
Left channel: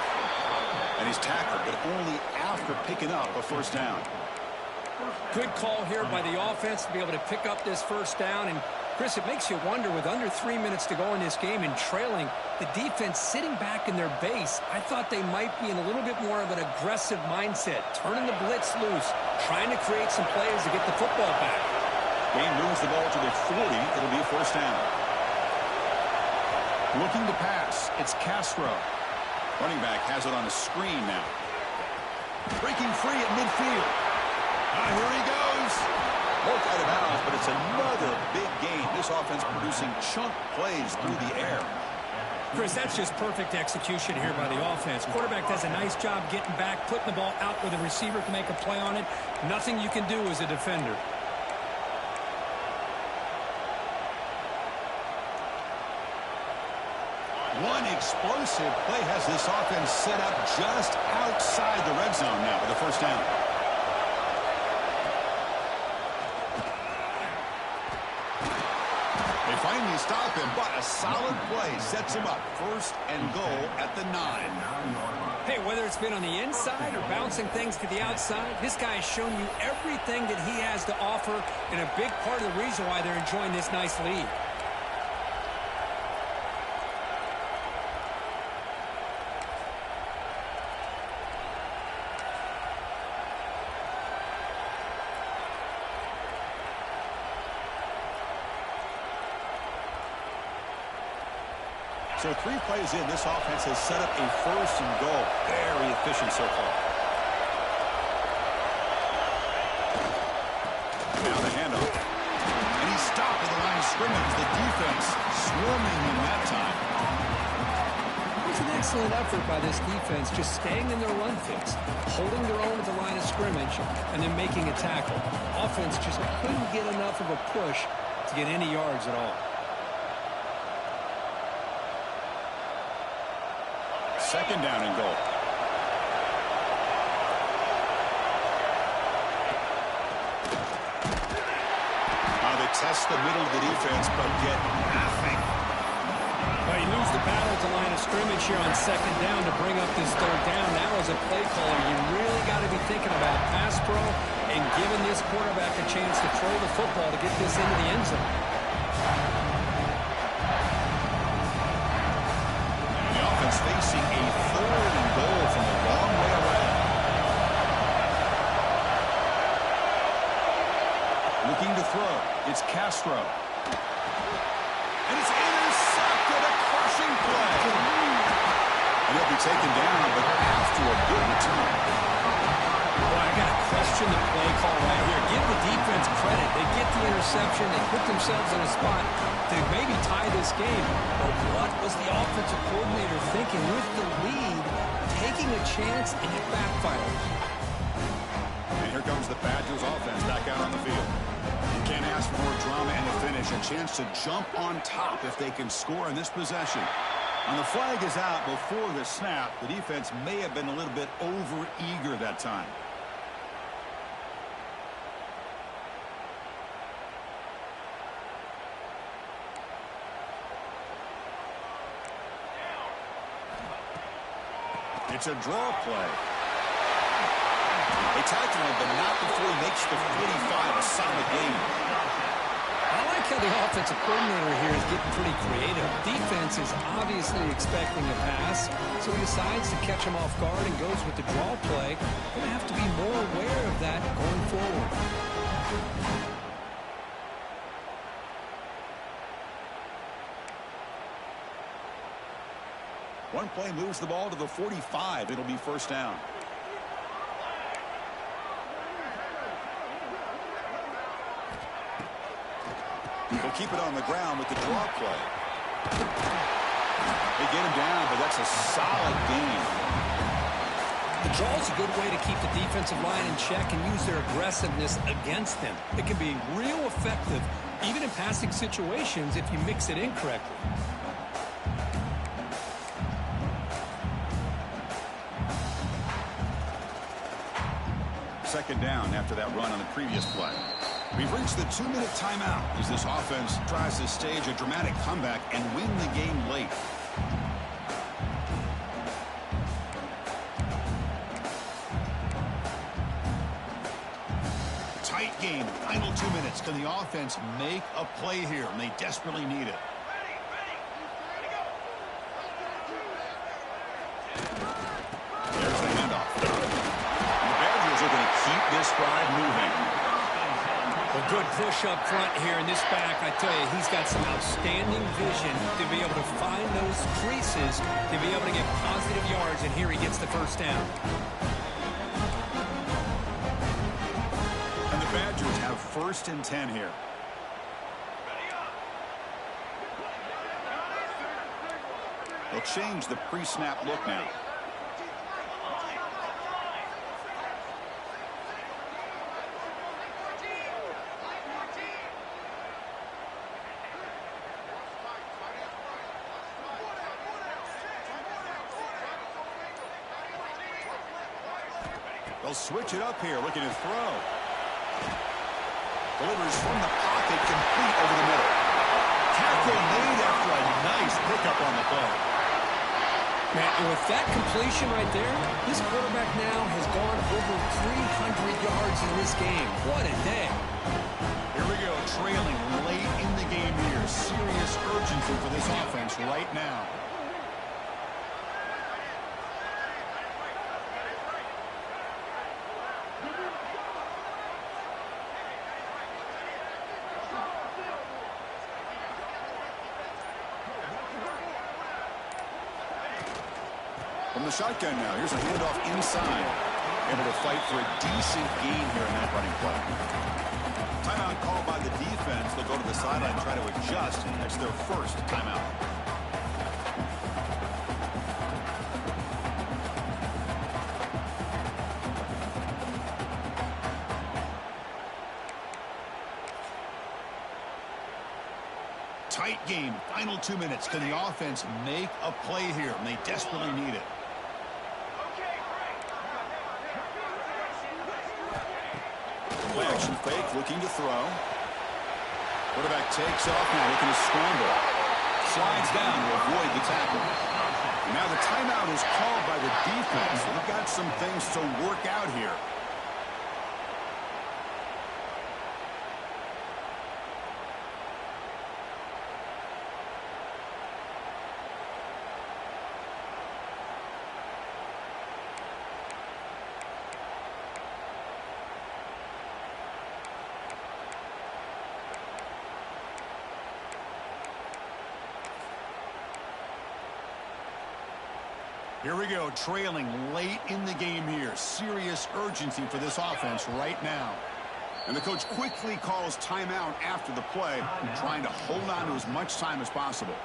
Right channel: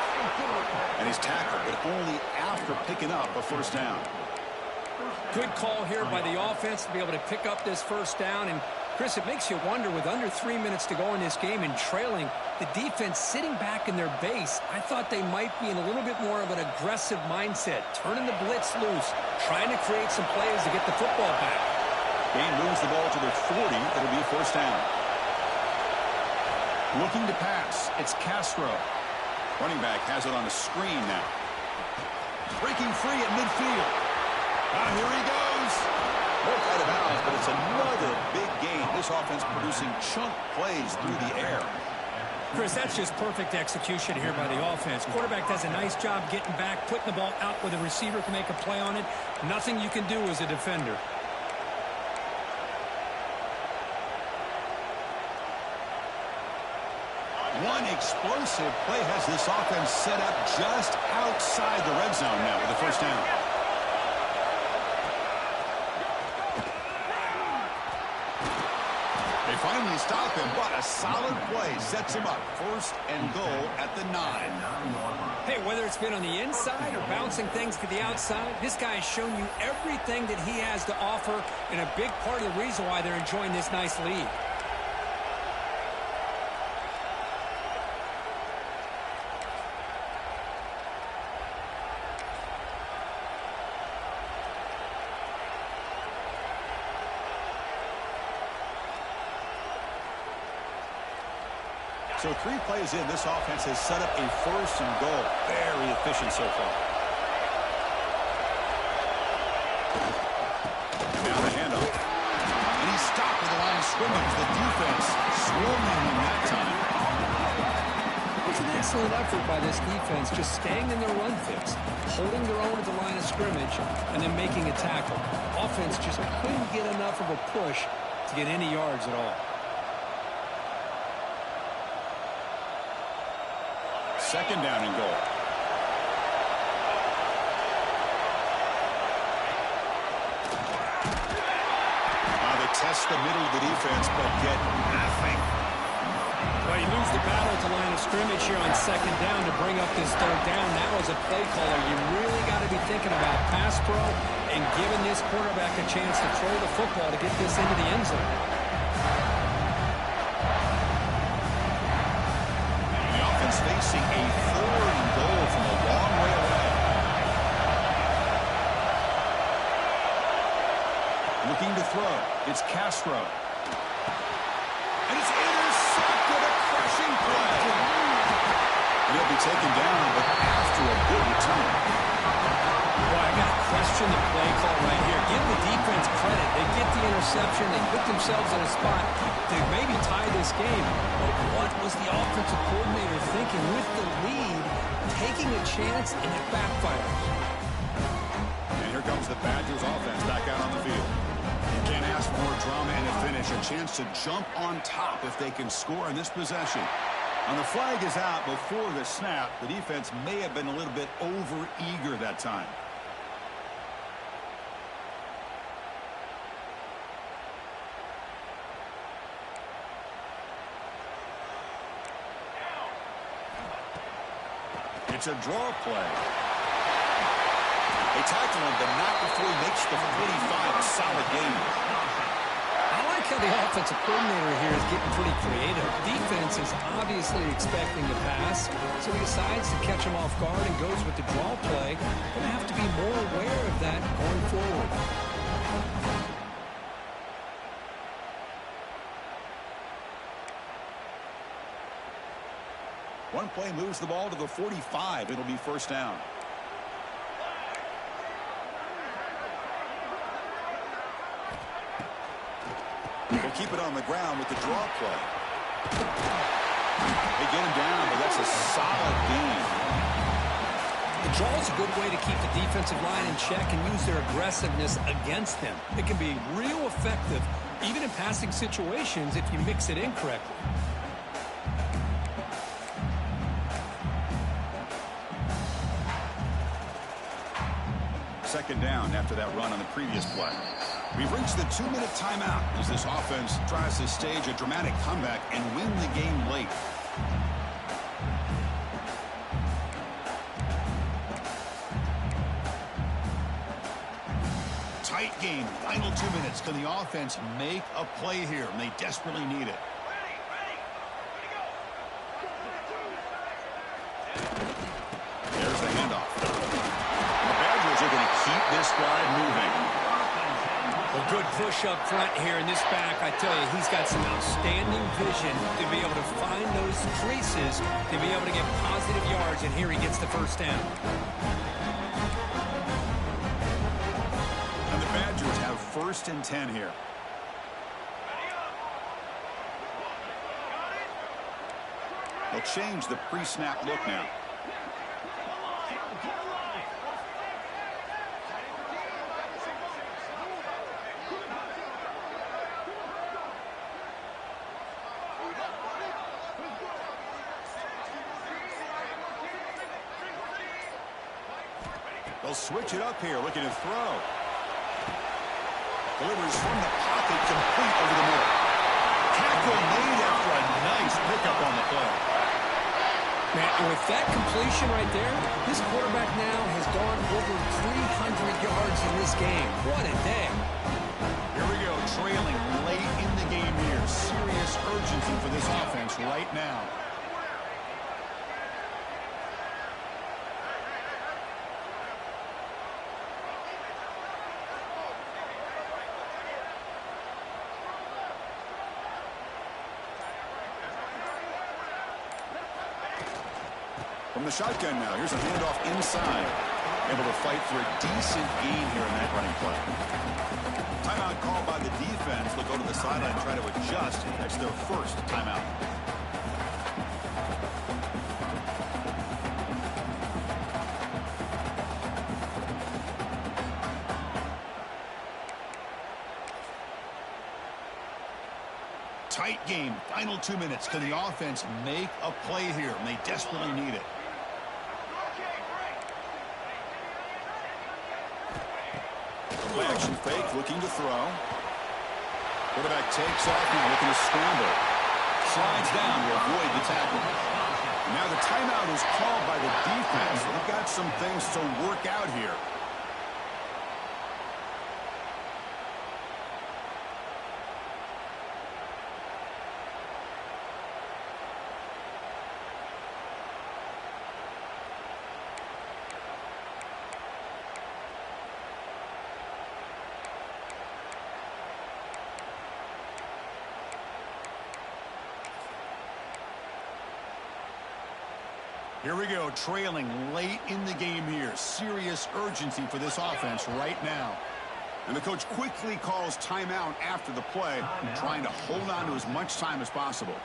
And he's tackled, but only after picking up a first down. Good call here by the offense to be able to pick up this first down. And, Chris, it makes you wonder, with under 3 minutes to go in this game and trailing, the defense sitting back in their base, I thought they might be in a little bit more of an aggressive mindset, turning the blitz loose, trying to create some plays to get the football back. Game moves the ball to the 40. It'll be a first down. Looking to pass. It's Castro. Running back has it on a screen now. Breaking free at midfield. Here he goes. Broke out of bounds, but it's another big game. This offense producing chunk plays through the air. Chris, that's just perfect execution here by the offense. Quarterback does a nice job getting back, putting the ball out where the receiver can make a play on it. Nothing you can do as a defender. One explosive play has this offense set up just outside the red zone now with a first down. They finally stop him, but a solid play sets him up. First and goal at the 9. Hey, whether it's been on the inside or bouncing things to the outside, this guy has shown you everything that he has to offer, and a big part of the reason why they're enjoying this nice lead. So 3 plays in, this offense has set up a first and goal. Very efficient so far. Now the handoff. And he's stopped at the line of scrimmage. The defense swarming him that time. It was an excellent effort by this defense, just staying in their run fix, holding their own at the line of scrimmage, and then making a tackle. Offense just couldn't get enough of a push to get any yards at all. Second down and goal. Now they test the middle of the defense, but get nothing. Well, you lose the battle at the line of scrimmage here on second down to bring up this third down. Now as a play caller, you really got to be thinking about pass pro and giving this quarterback a chance to throw the football to get this into the end zone. The offense facing a 3rd and goal from a long way away. Looking to throw. It's Castro. And it's intercepted, a crushing play. And he'll be taken down, but after a good return. Boy, I got to question the play call right here. Give the defense credit. They get the interception. They put themselves in a spot to maybe tie this game. But what was the offensive coordinator thinking with the lead, taking a chance, and it backfires? And here comes the Badgers offense back out on the field. You can't ask for more drama and a finish. A chance to jump on top if they can score in this possession. And the flag is out before the snap. The defense may have been a little bit over-eager that time. It's a draw play. They tackle him, but not before he makes the 45, a solid gain. I like how the offensive coordinator here is getting pretty creative. Defense is obviously expecting a pass, so he decides to catch him off guard and goes with the draw play. Going to have to be more aware of that going forward. One play moves the ball to the 45. It'll be first down. He'll keep it on the ground with the draw play. They get him down, but that's a solid gain. The draw is a good way to keep the defensive line in check and use their aggressiveness against them. It can be real effective, even in passing situations, if you mix it in correctly. Second down after that run on the previous play. We've reached the 2-minute timeout as this offense tries to stage a dramatic comeback and win the game late. Tight game. Final 2 minutes. Can the offense make a play here? And they desperately need it. There's the handoff. The Badgers are going to keep this drive moving. Well, good push up front here in this back. I tell you, he's got some outstanding vision to be able to find those creases, to be able to get positive yards, and here he gets the first down. And the Badgers have 1st and 10 here. They'll change the pre-snap look now. They'll switch it up here, looking to throw. Delivers from the pocket, complete over the middle. Tackle made after a nice pickup on the play. Man, and with that completion right there, this quarterback now has gone over 300 yards in this game. What a day. Here we go, trailing late in the game here. Serious urgency for this offense right now. From the shotgun now, here's a handoff inside. Able to fight for a decent gain here in that running play. Timeout called by the defense. They'll go to the sideline and try to adjust. That's their first timeout. Tight game. Final 2 minutes. Can the offense make a play here? And they desperately need it. Play action fake, looking to throw. Quarterback takes off now, looking to scramble. Slides down to avoid the tackle. Now the timeout is called by the defense. They've got some things to work out here. Here we go, trailing late in the game here. Serious urgency for this offense right now. And the coach quickly calls timeout after the play, trying to hold on to as much time as possible.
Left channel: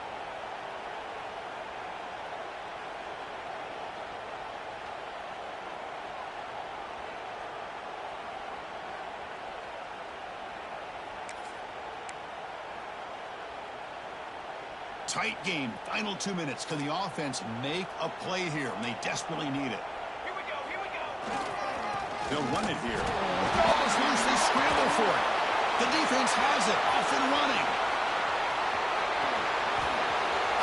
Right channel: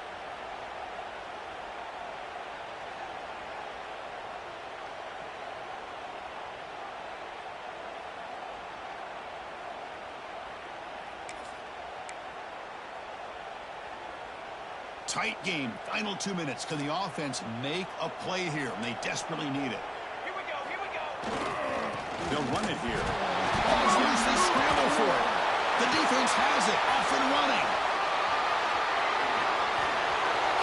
Tight game, final 2 minutes. Can the offense make a play here? And they desperately need it. Here we go, here we go. They'll run it here. Ball's loose, they scramble for it. The defense has it, off and running.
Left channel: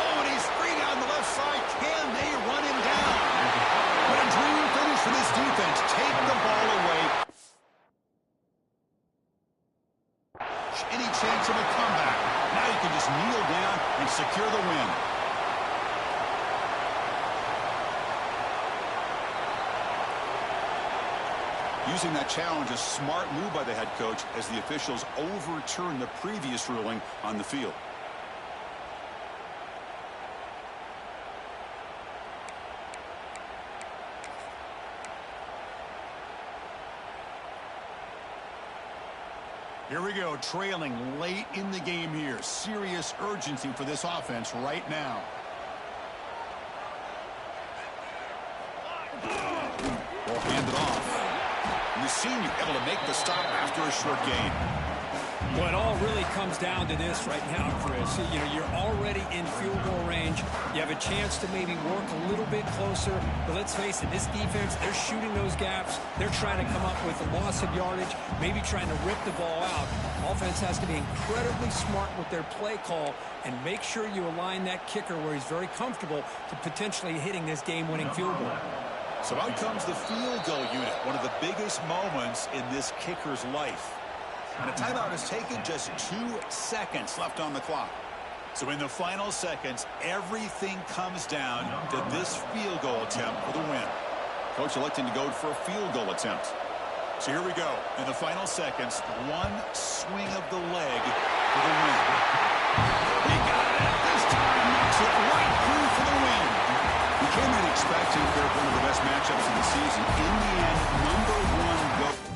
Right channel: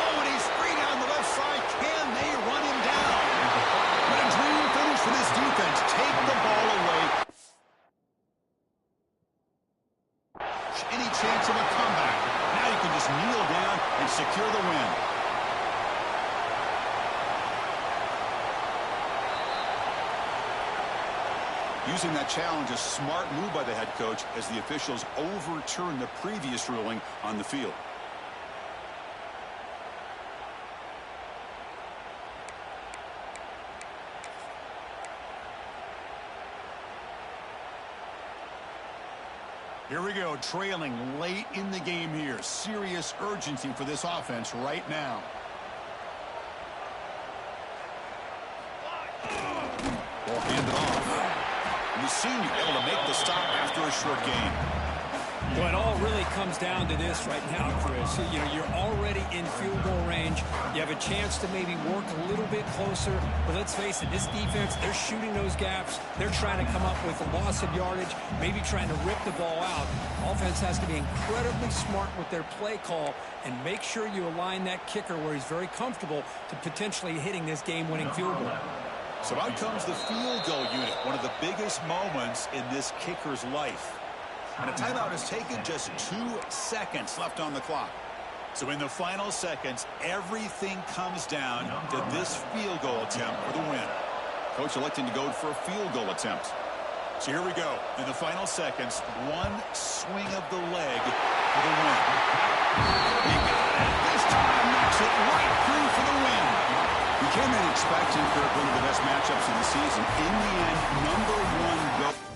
Oh, and he's free down the left side. Can they run him down? But a dream finish for this defense. Take the ball away. Any chance of a comeback. Now you can just kneel down and secure the win. Using that challenge, a smart move by the head coach as the officials overturn the previous ruling on the field. Here we go, trailing late in the game here. Serious urgency for this offense right now. Ball handed off. And the senior able to make the stop after a short gain. Well, it all really comes down to this right now, Chris. You know, you're already in field goal range. You have a chance to maybe work a little bit closer. But let's face it, this defense, they're shooting those gaps. They're trying to come up with a loss of yardage, maybe trying to rip the ball out. Offense has to be incredibly smart with their play call and make sure you align that kicker where he's very comfortable to potentially hitting this game-winning field goal. So out comes the field goal unit, one of the biggest moments in this kicker's life. And a timeout is taken, just 2 seconds left on the clock. So in the final seconds, everything comes down to this field goal attempt for the win. Coach electing to go for a field goal attempt. So here we go. In the final seconds, one swing of the leg for the win. He got it. This time knocks it right through for the win. We came in expecting, Kirk, one of the best matchups of the season. In the end, #1 go.